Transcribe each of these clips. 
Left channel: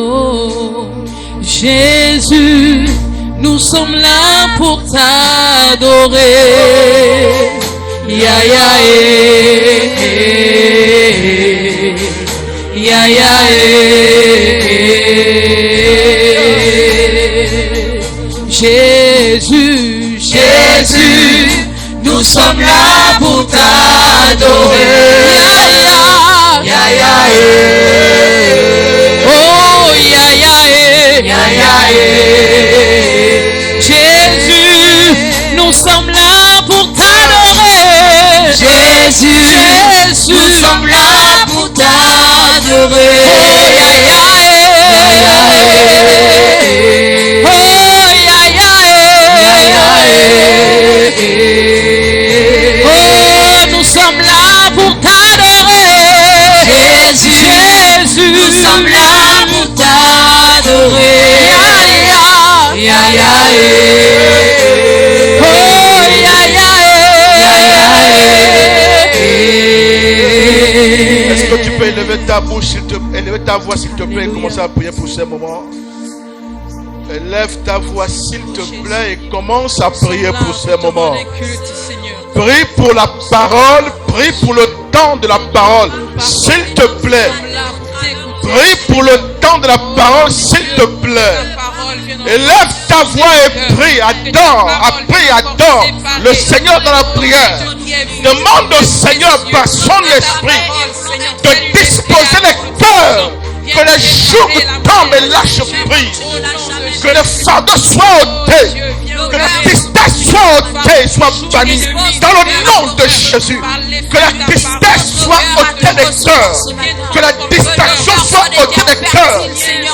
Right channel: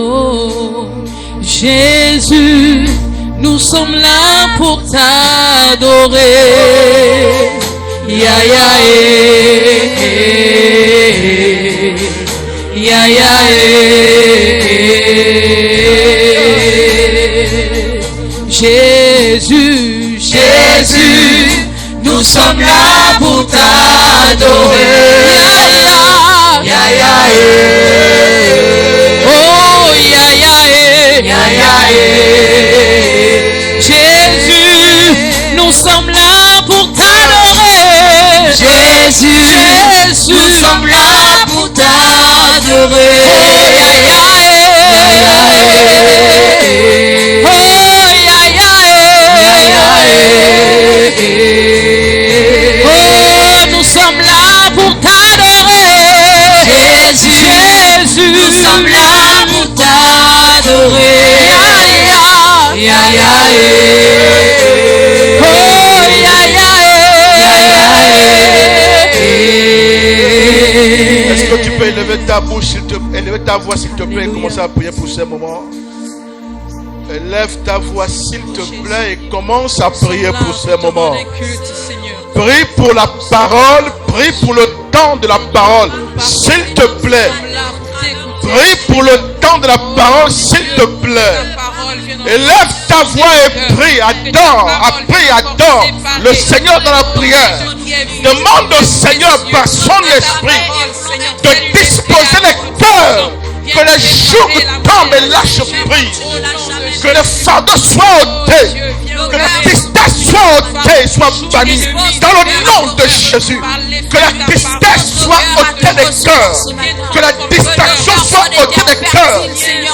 Oh, Jésus, nous sommes là pour t'adorer. Ya ya ya ya Jésus, Jésus, nous sommes là pour t'adorer. Ya ya oh ya ya Jésus, nous sommes là pour t'adorer. Jésus, nous sommes là pour t'adorer. Nous sommes là pour t'adorer. Jésus, nous sommes là pour t'adorer. Est-ce que tu peux élever ta bouche, élever ta voix s'il te plaît et commencer à prier pour ces moments? Élève ta voix s'il te plaît et commence à prier pour ces moments. Prie pour la parole, prie pour le temps de la parole, s'il te plaît. Prie pour le temps de la parole, s'il te plaît. Élève ta voix et prie, adore, adore le Seigneur dans la prière. Demande au Seigneur par son esprit de disposer les cœurs, que les jours tombent et lâchent prise, que les fardeaux soient ôtés, que la tristesse soit ôtée, soit bannie dans le nom de Jésus. Que la tristesse soit ôtée des cœurs, que la distraction soit ôtée des cœurs,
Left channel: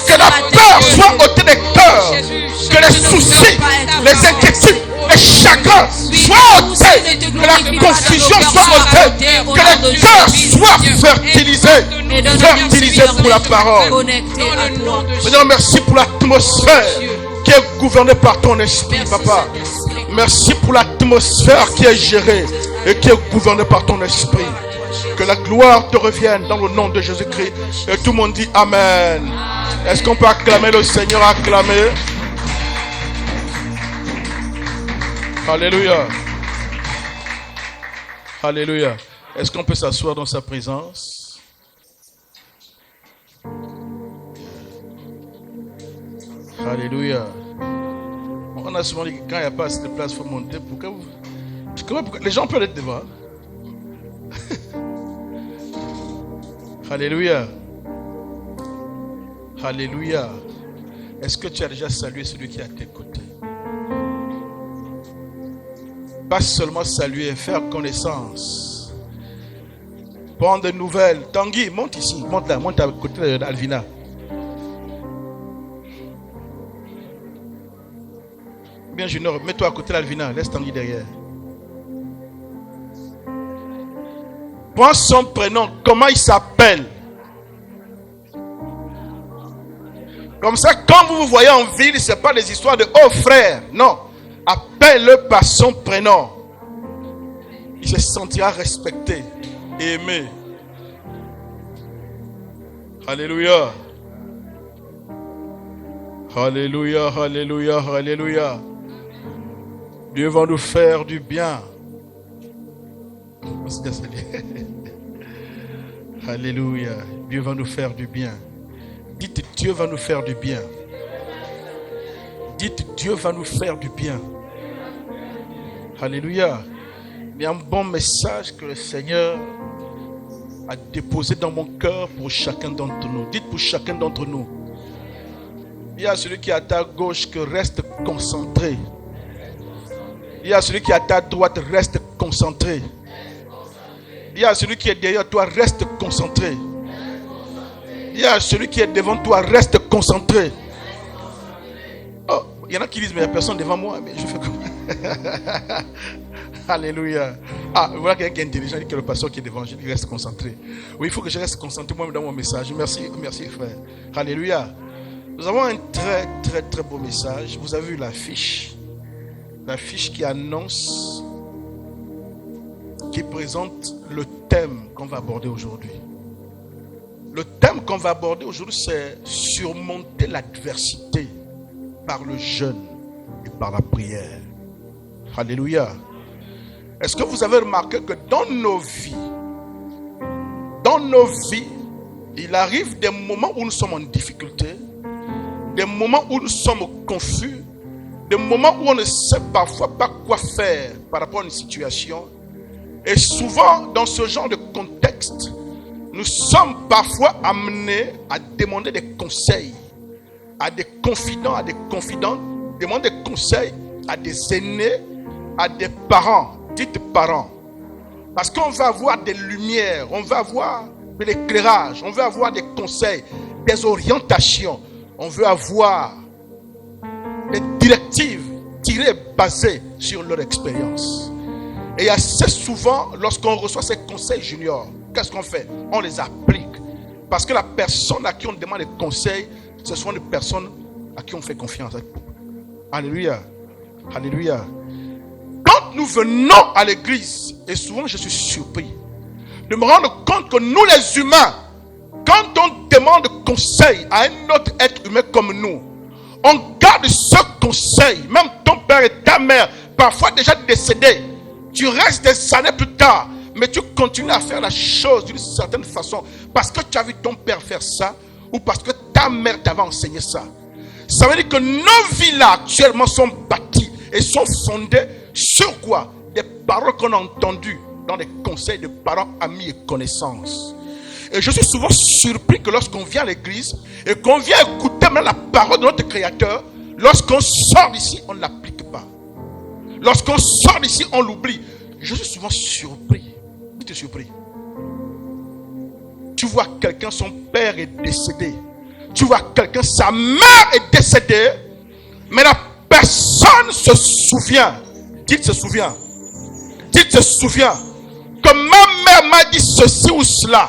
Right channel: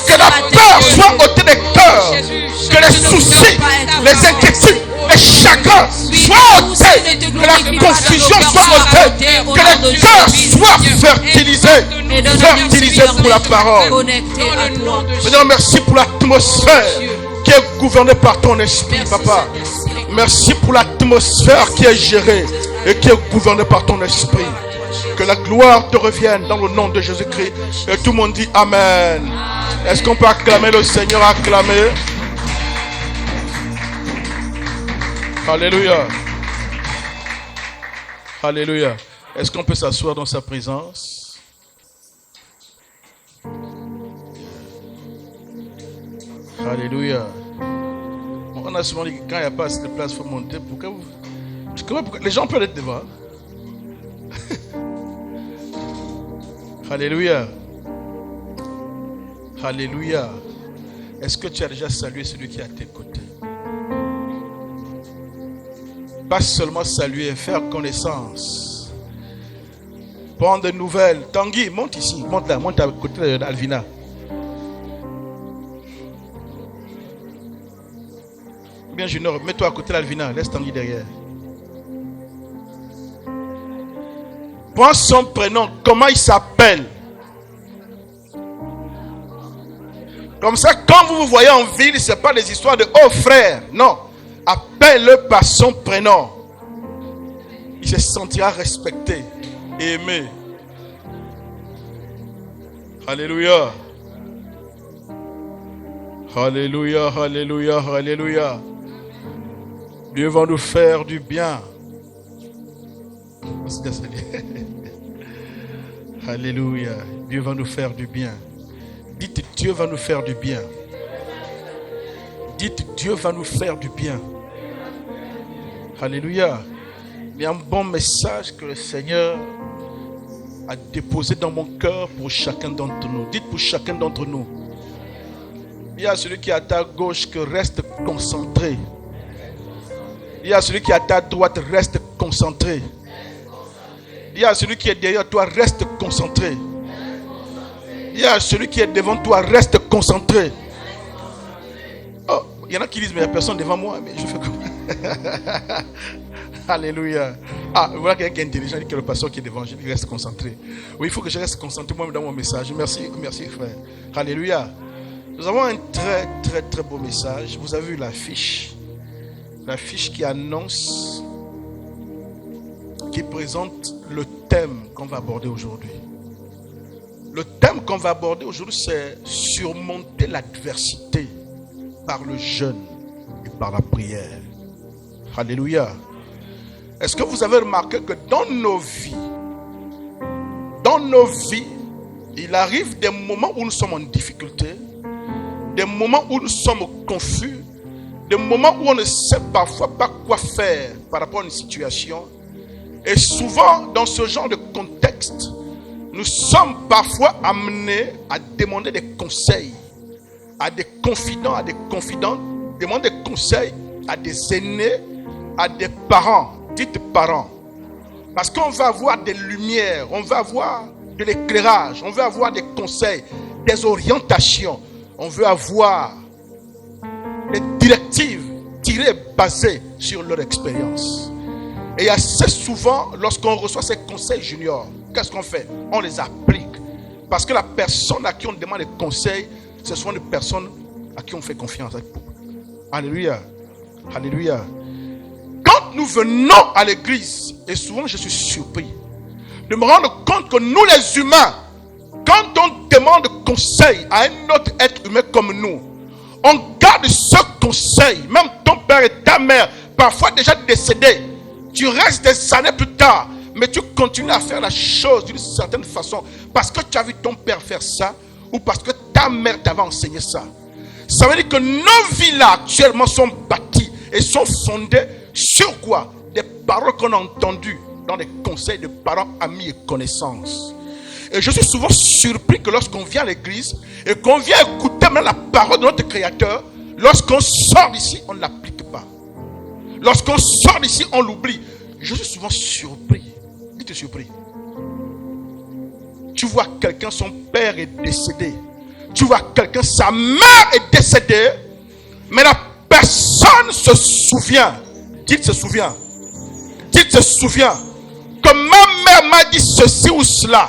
que la peur soit ôtée des cœurs, que les soucis, les inquiétudes, les chagrins soient ôtés, que la confusion soit ôtée, que les cœurs soient fertilisés pour la parole. Seigneur, merci pour l'atmosphère qui est gouvernée par ton esprit, Papa. Merci pour l'atmosphère qui est gérée et qui est gouvernée par ton esprit. Que la gloire te revienne dans le nom de Jésus-Christ. Et tout le monde dit Amen. Est-ce qu'on peut acclamer le Seigneur? Acclamer. Alléluia. Alléluia. Est-ce qu'on peut s'asseoir dans sa présence? Alléluia. On a souvent dit que quand il n'y a pas assez de place, il faut monter. Pourquoi les gens peuvent être devant. Alléluia. Alléluia. Est-ce que tu as déjà salué celui qui est à tes côtés? Pas seulement saluer, faire connaissance. Prendre des nouvelles. Tanguy, monte ici. Monte là, monte à côté d'Alvina. Bien Junior, mets-toi à côté d'Alvina. Laisse Tanguy derrière. Prends son prénom. Comment il s'appelle? Comme ça, quand vous vous voyez en ville, ce n'est pas des histoires de « Oh frère ». Non. Appelle-le par son prénom. Il se sentira respecté et aimé. Alléluia. Alléluia, alléluia, alléluia. Dieu va nous faire du bien. Alléluia. Dieu va nous faire du bien. Dites Dieu va nous faire du bien. Dites Dieu va nous faire du bien. Alléluia. Il y a un bon message que le Seigneur a déposé dans mon cœur pour chacun d'entre nous. Dites pour chacun d'entre nous. Il y a celui qui est à ta gauche que reste concentré. Il y a celui qui est à ta droite, reste concentré. Il y a celui qui est derrière toi, reste concentré. Il y a celui qui est devant toi, reste concentré. Oh, il y en a qui disent, mais il n'y a personne devant moi. Mais je fais comment? Alléluia. Ah, voilà quelqu'un qui est intelligent, qui est le pasteur qui est devant, il reste concentré. Oui, il faut que je reste concentré moi dans mon message. Merci, merci frère. Alléluia. Nous avons un très, très, très beau message. Vous avez vu l'affiche. L'affiche qui annonce, qui présente le thème qu'on va aborder aujourd'hui. Le thème qu'on va aborder aujourd'hui, c'est surmonter l'adversité par le jeûne et par la prière. Alléluia. Est-ce que vous avez remarqué que dans nos vies, il arrive des moments où nous sommes en difficulté, des moments où nous sommes confus, des moments où on ne sait parfois pas quoi faire par rapport à une situation. Et souvent, dans ce genre de contexte, nous sommes parfois amenés à demander des conseils à des confidents, à des confidentes, demander des conseils à des aînés, à des parents, dites parents. Parce qu'on va avoir des lumières, on va avoir de l'éclairage, on veut avoir des conseils, des orientations, on veut avoir des directives tirées, basées sur leur expérience. Et assez souvent, lorsqu'on reçoit ces conseils juniors, qu'est-ce qu'on fait? On les applique. Parce que la personne à qui on demande des conseils, ce sont des personnes à qui on fait confiance. Alléluia. Alléluia. Quand nous venons à l'église, et souvent je suis surpris de me rendre compte que nous les humains, quand on demande conseil à un autre être humain comme nous, on garde ce conseil. Même ton père et ta mère, parfois déjà décédés, tu restes des années plus tard, mais tu continues à faire la chose d'une certaine façon parce que tu as vu ton père faire ça ou parce que ta mère t'avait enseigné ça. Ça veut dire que nos vies là actuellement sont bâties et sont fondées sur quoi? Des paroles qu'on a entendues dans des conseils de parents, amis et connaissances. Et je suis souvent surpris que lorsqu'on vient à l'église et qu'on vient écouter même la parole de notre Créateur, lorsqu'on sort d'ici, on ne l'applique pas. Lorsqu'on sort d'ici, on l'oublie. Je suis souvent surpris. Dites surpris. Tu vois quelqu'un, son père est décédé. Tu vois quelqu'un, sa mère est décédée. Mais la personne se souvient. Dites se souvient. Dites se souvient. Que ma mère m'a dit ceci ou cela.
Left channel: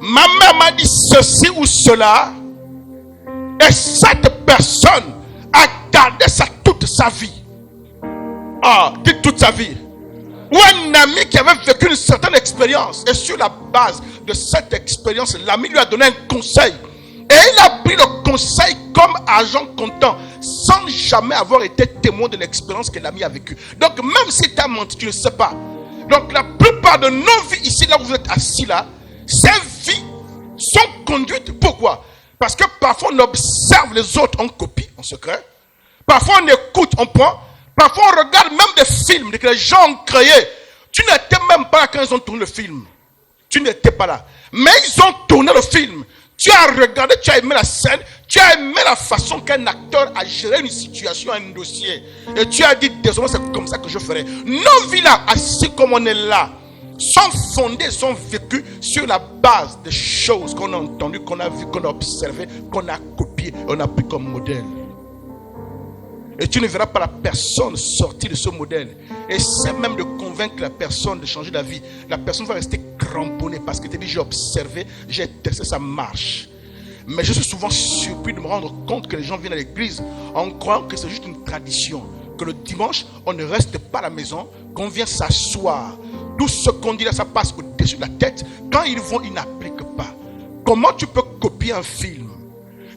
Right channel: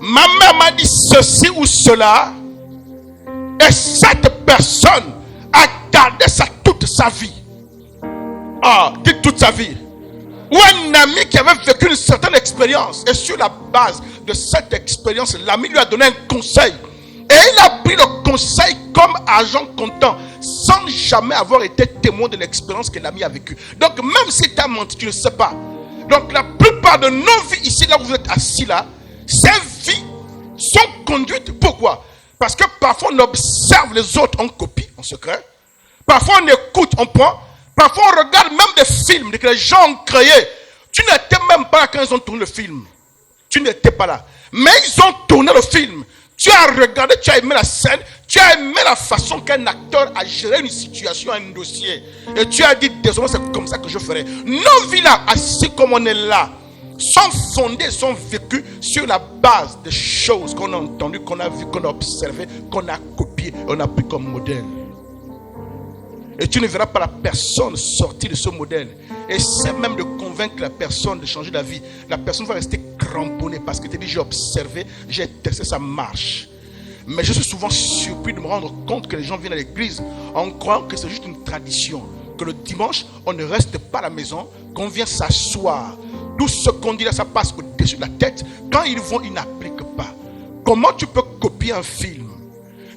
Ma mère m'a dit ceci ou cela. Et cette personne a gardé ça toute sa vie. Ah, dites toute sa vie. Ou un ami qui avait vécu une certaine expérience. Et sur la base de cette expérience, l'ami lui a donné un conseil. Et il a pris le conseil comme argent comptant, sans jamais avoir été témoin de l'expérience que l'ami a vécue. Donc même si tu as menti, tu ne sais pas. Donc la plupart de nos vies ici, là où vous êtes assis là, ces vies sont conduites. Pourquoi? Parce que parfois on observe les autres en copie, en secret. Parfois on écoute, on prend. Parfois on regarde même des films que les gens ont créés. Tu n'étais même pas là quand ils ont tourné le film. Tu n'étais pas là. Mais ils ont tourné le film. Tu as regardé, tu as aimé la scène, tu as aimé la façon qu'un acteur a géré une situation, un dossier. Et tu as dit, désolé, c'est comme ça que je ferai. Nos vies là, assis comme on est là, sont fondées, sont vécues sur la base des choses qu'on a entendues, qu'on a vues, qu'on a observées, qu'on a copiées, on a pris comme modèle. Et tu ne verras pas la personne sortir de ce modèle. Essaie même de convaincre la personne de changer la vie. La personne va rester cramponnée parce que tu dis j'ai observé, j'ai testé, ça marche. Mais je suis souvent surpris de me rendre compte que les gens viennent à l'église en croyant que c'est juste une tradition. Que le dimanche, on ne reste pas à la maison, qu'on vient s'asseoir. Tout ce qu'on dit là, ça passe au-dessus de la tête. Quand ils vont, ils n'appliquent pas. Comment tu peux copier un film?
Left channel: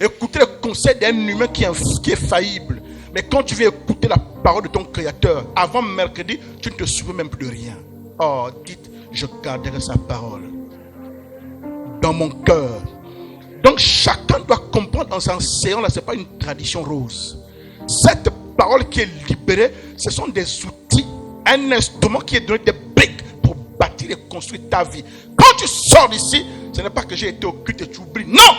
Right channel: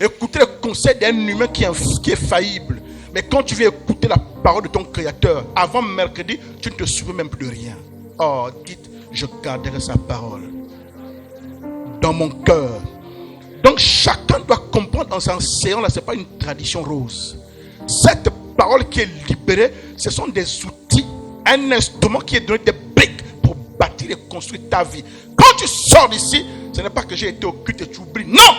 Écouter le conseil d'un humain qui est faillible. Mais quand tu viens écouter la parole de ton Créateur, avant mercredi, tu ne te souviens même plus de rien. Oh, dites, je garderai sa parole dans mon cœur. Donc chacun doit comprendre en s'enseignant, là, ce n'est pas une tradition rose. Cette parole qui est libérée, ce sont des outils, un instrument qui est donné, des briques pour bâtir et construire ta vie. Quand tu sors d'ici, ce n'est pas que j'ai été au culte et tu oublies. Non!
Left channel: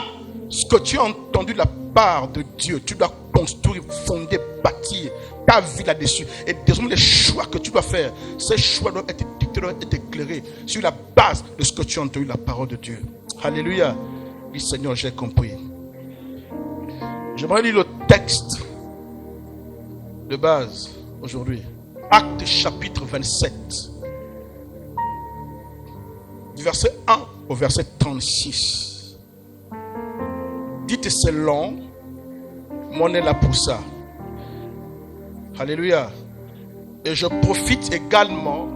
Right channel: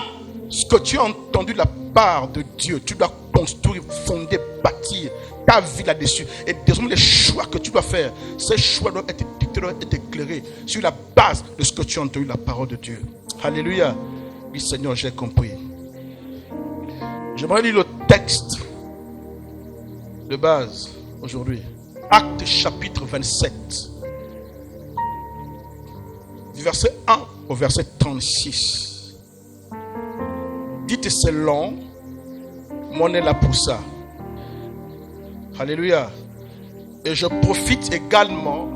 Ce que tu as entendu de la part de Dieu, tu dois construire, fonder, bâtir ta vie là-dessus. Et désormais, les choix que tu dois faire, ces choix doivent être dictés, doivent être éclairés sur la base de ce que tu as entendu de la parole de Dieu. Alléluia. Oui, Seigneur, j'ai compris. J'aimerais lire le texte de base aujourd'hui. Actes chapitre 27. Du verset 1 au verset 36. Dites c'est long, mais on est là pour ça. Alléluia. Et je profite également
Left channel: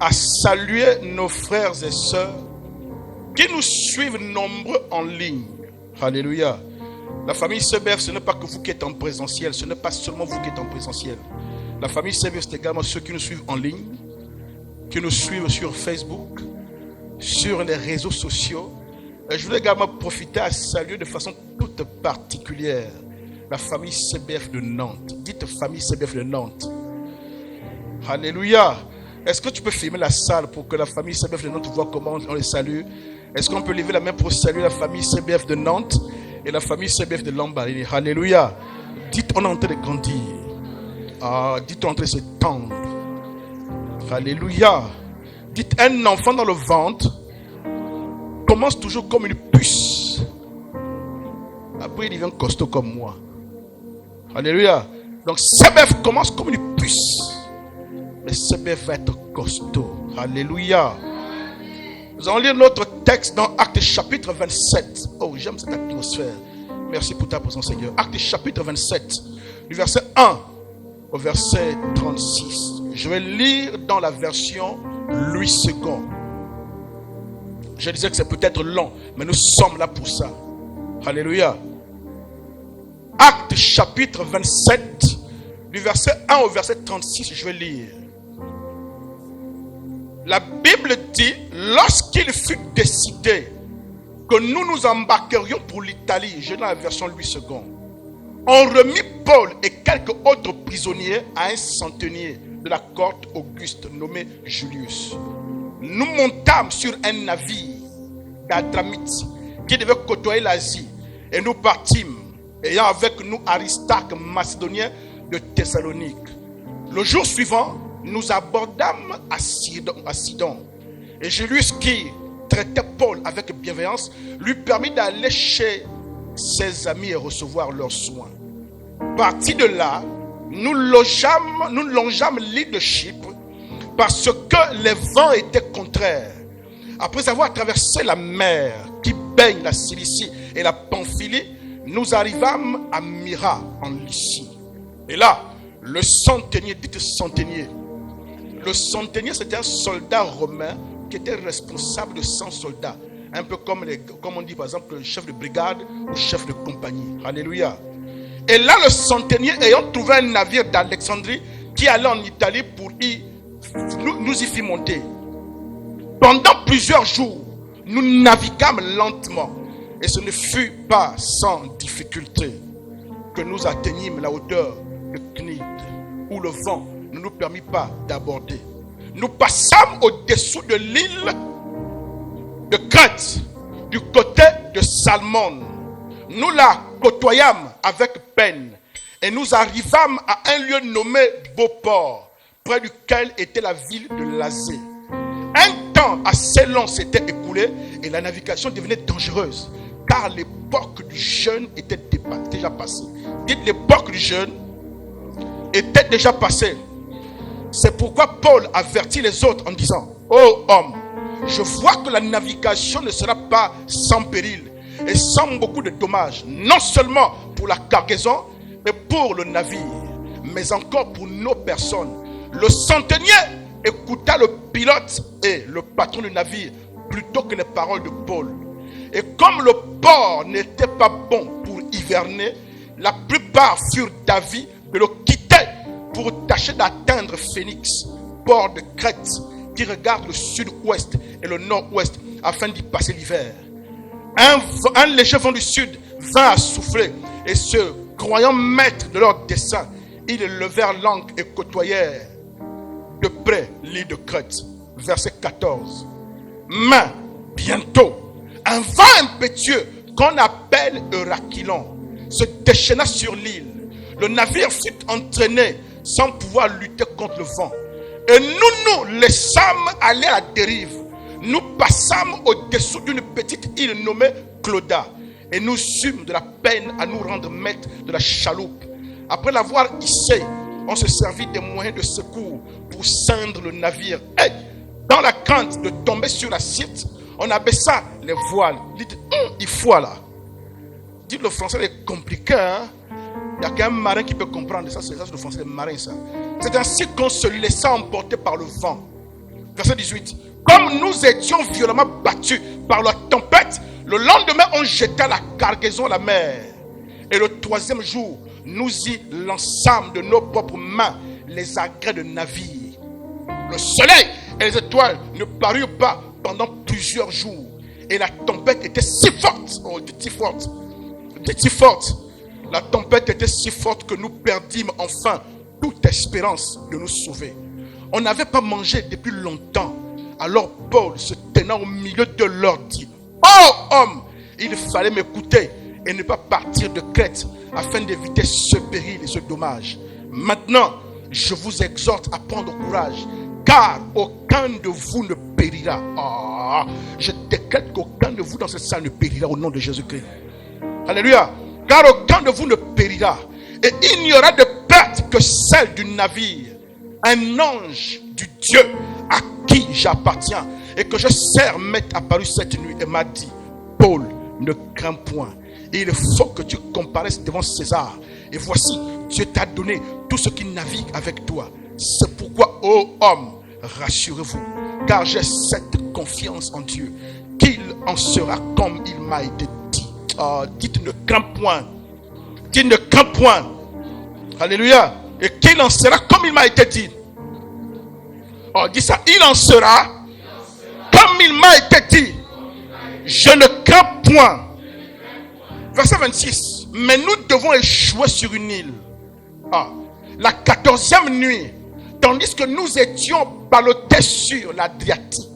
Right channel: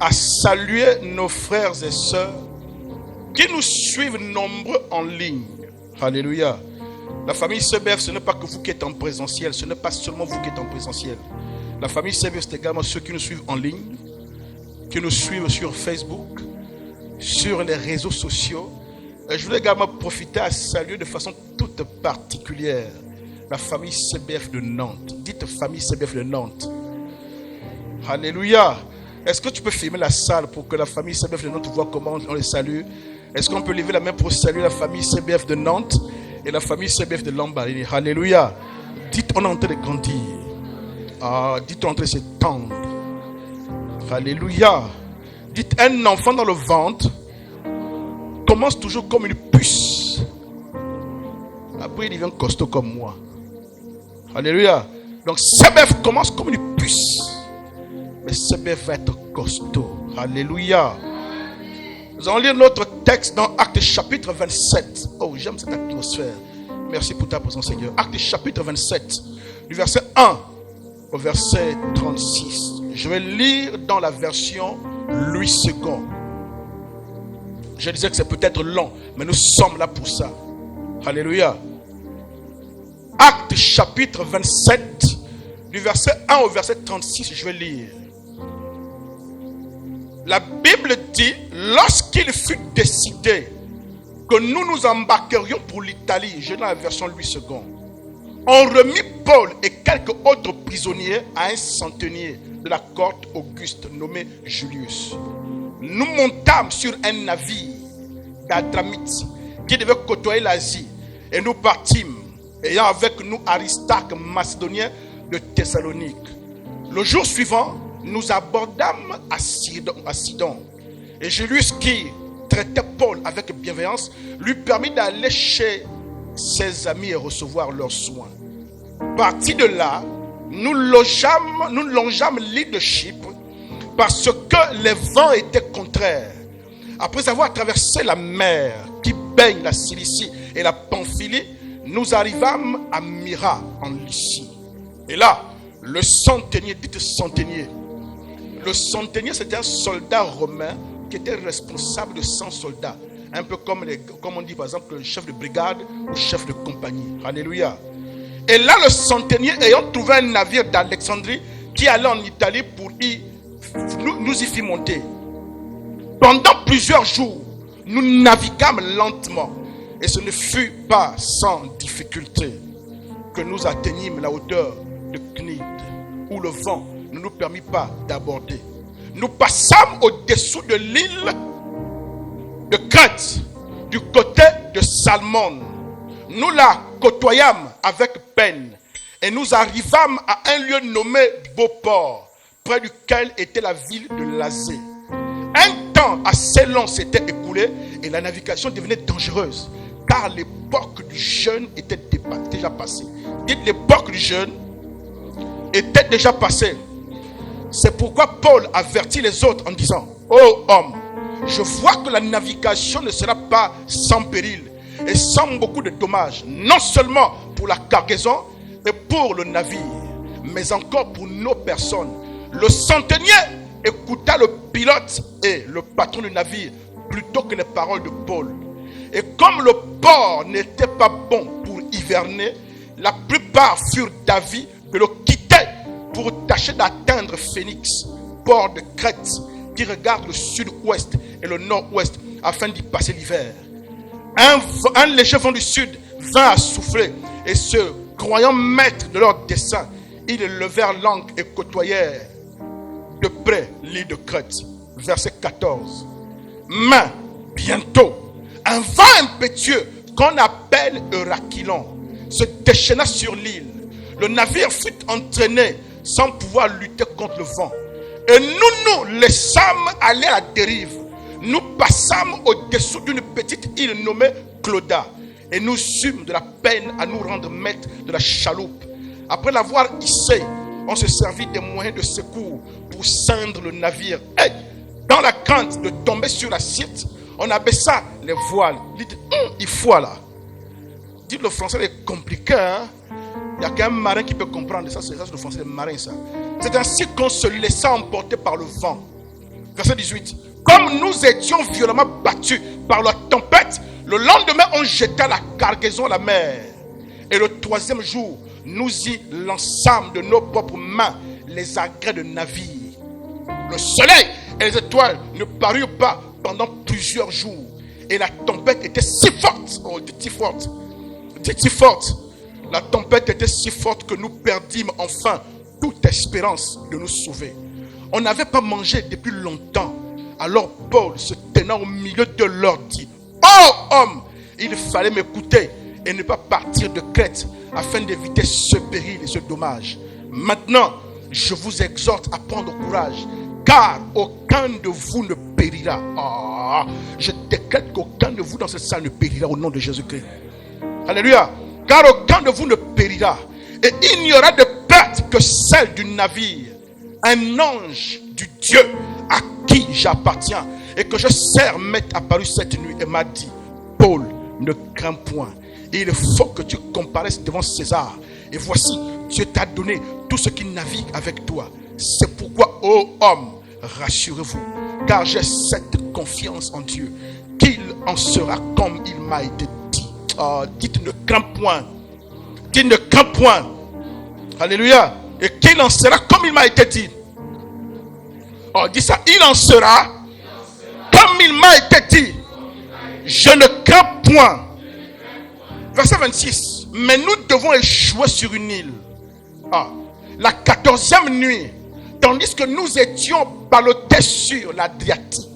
à saluer nos frères et sœurs qui nous suivent nombreux en ligne. Alléluia. La famille CBF, ce n'est pas que vous qui êtes en présentiel, ce n'est pas seulement vous qui êtes en présentiel. La famille CBF, c'est également ceux qui nous suivent en ligne, qui nous suivent sur Facebook, sur les réseaux sociaux. Et je voulais également profiter à saluer de façon toute particulière la famille CBF de Nantes. Dites famille CBF de Nantes. Alléluia. Est-ce que tu peux filmer la salle pour que la famille CBF de Nantes voit comment on les salue? Est-ce qu'on peut lever la main pour saluer la famille CBF de Nantes et la famille CBF de Lambaréné? Alléluia. Dites, on est en train de grandir. Dites, on est en train de s'étendre. Alléluia. Dites, un enfant dans le ventre commence toujours comme une puce. Après, il devient costaud comme moi. Alléluia. Donc, CBF commence comme une puce. Mais CBF va être costaud. Alléluia. Nous allons lire notre texte dans Actes chapitre 27. Oh, j'aime cette atmosphère. Merci pour ta présence, Seigneur. Actes chapitre 27, du verset 1 au verset 36. Je vais lire dans la version Louis II. Je disais que c'est peut-être long, mais nous sommes là pour ça. Alléluia. Actes chapitre 27, du verset 1 au verset 36, je vais lire. La Bible dit, lorsqu'il fut décidé que nous nous embarquerions pour l'Italie, j'ai dans la version Louis II, on remit Paul et quelques autres prisonniers à un centenier de la cohorte Auguste nommé Julius. Nous montâmes sur un navire d'Adramite qui devait côtoyer l'Asie et nous partîmes, ayant avec nous Aristarque, macédonien de Thessalonique. Le jour suivant, nous abordâmes à Sidon. Et Julius, qui traitait Paul avec bienveillance, lui permit d'aller chez ses amis et recevoir leurs soins. Parti de là, nous longeâmes l'île de Chypre parce que les vents étaient contraires. Après avoir traversé la mer qui baigne la Cilicie et la Pamphylie, nous arrivâmes à Myra en Lycie. Et là, le centenier, dites centenier. Le centenier, c'était un soldat romain qui était responsable de 100 soldats. Un peu comme on dit par exemple le chef de brigade ou chef de compagnie. Alléluia. Et là, le centenier ayant trouvé un navire d'Alexandrie qui allait en Italie pour nous y fit monter. Pendant plusieurs jours, nous naviguâmes lentement. Et ce ne fut pas sans difficulté que nous atteignîmes la hauteur de Cnide, où le vent ne nous permit pas d'aborder. Nous passâmes au-dessous de l'île de Crète, du côté de Salmone. Nous la côtoyâmes avec peine et nous arrivâmes à un lieu nommé Beauport, près duquel était la ville de Lazée. Un temps assez long s'était écoulé et la navigation devenait dangereuse, car l'époque du jeûne était déjà passée. Dites, l'époque du jeûne était déjà passée. C'est pourquoi Paul avertit les autres en disant, ô homme, je vois que la navigation ne sera pas sans péril et sans beaucoup de dommages, non seulement pour la cargaison, mais pour le navire, mais encore pour nos personnes. Le centenier écouta le pilote et le patron du navire plutôt que les paroles de Paul. Et comme le port n'était pas bon pour hiverner, la plupart furent d'avis de le quitter pour tâcher d'atteindre Phénix, port de Crète, qui regarde le sud-ouest et le nord-ouest afin d'y passer l'hiver. Un léger vent du sud vint à souffler et se croyant maîtres de leur dessein, ils levèrent l'ancre et côtoyèrent de près l'île de Crète. Verset 14. Mais bientôt, un vent impétueux qu'on appelle Eurachylon se déchaîna sur l'île. Le navire fut entraîné sans pouvoir lutter contre le vent. Et nous laissâmes aller à dérive. Nous passâmes au-dessous d'une petite île nommée Clauda. Et nous eûmes de la peine à nous rendre maîtres de la chaloupe. Après l'avoir hissé, on se servit des moyens de secours pour ceindre le navire. Et dans la crainte de tomber sur la Syrte, on abaissa les voiles. Dites, il faut là. Dites, le français est compliqué, hein? Il n'y a qu'un marin qui peut comprendre ça. C'est ça, le français, le marin, ça. C'est ainsi qu'on se laissa emporter par le vent. Verset 18. Comme nous étions violemment battus par la tempête, le lendemain, on jeta la cargaison à la mer. Et le troisième jour, nous y lançâmes de nos propres mains les agrès de navire. Le soleil et les étoiles ne parurent pas pendant plusieurs jours. Et la tempête était si forte, si forte. La tempête était si forte que nous perdîmes enfin toute espérance de nous sauver. On n'avait pas mangé depuis longtemps. Alors Paul, se tenant au milieu de leur dit: oh homme, il fallait m'écouter et ne pas partir de Crète afin d'éviter ce péril et ce dommage. Maintenant, je vous exhorte à prendre courage, car aucun de vous ne périra. Je décrète qu'aucun de vous dans cette salle ne périra au nom de Jésus-Christ. Alléluia. Car aucun de vous ne périra. Et il n'y aura de perte que celle du navire. Un ange du Dieu à qui j'appartiens et que je sers m'est apparu cette nuit et m'a dit: Paul, ne crains point. Il faut que tu comparaisses devant César. Et voici, Dieu t'a donné tout ce qui navigue avec toi. C'est pourquoi, ô homme, rassurez-vous, car j'ai cette confiance en Dieu, qu'il en sera comme il m'a été dit. Dites: ne crains point. Dites: ne crains point. Alléluia. Et qu'il en sera comme il m'a été dit. Dis ça: il en sera comme il m'a été dit. Je ne crains point. Verset 26. Mais nous devons échouer sur une île. La 14e nuit, tandis que nous étions ballottés sur l'Adriatique,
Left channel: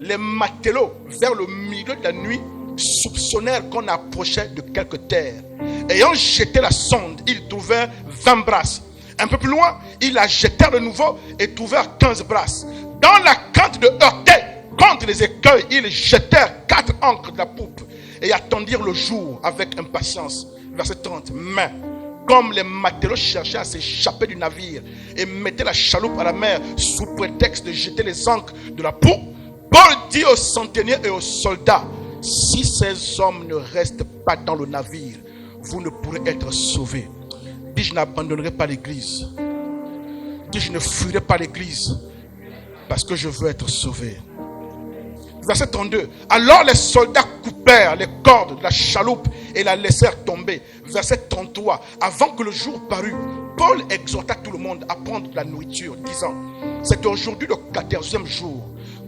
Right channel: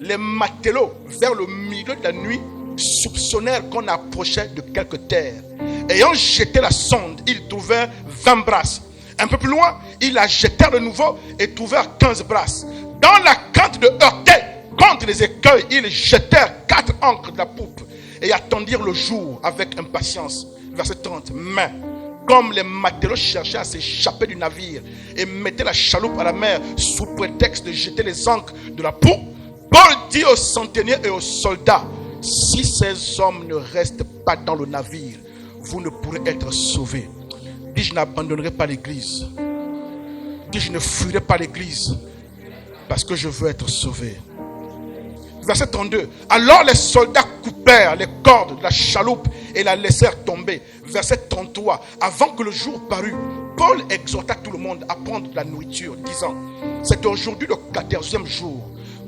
les matelots, vers le milieu de la nuit, soupçonnèrent qu'on approchait de quelque terre. Ayant jeté la sonde, ils trouvèrent 20 brasses. Un peu plus loin, ils la jetèrent de nouveau et trouvèrent 15 brasses. Dans la crainte de heurter contre les écueils, ils jetèrent 4 ancres de la poupe et attendirent le jour avec impatience. Verset 30. Mais comme les matelots cherchaient à s'échapper du navire et mettaient la chaloupe à la mer sous prétexte de jeter les ancres de la poupe, Paul dit aux centeniers et aux soldats: si ces hommes ne restent pas dans le navire, vous ne pourrez être sauvés. Dis: je n'abandonnerai pas l'église. Dis: je ne fuirai pas l'église parce que je veux être sauvé. Verset 32. Alors les soldats coupèrent les cordes de la chaloupe et la laissèrent tomber. Verset 33. Avant que le jour parût, Paul exhorta tout le monde à prendre de la nourriture, disant: c'est aujourd'hui le 14e jour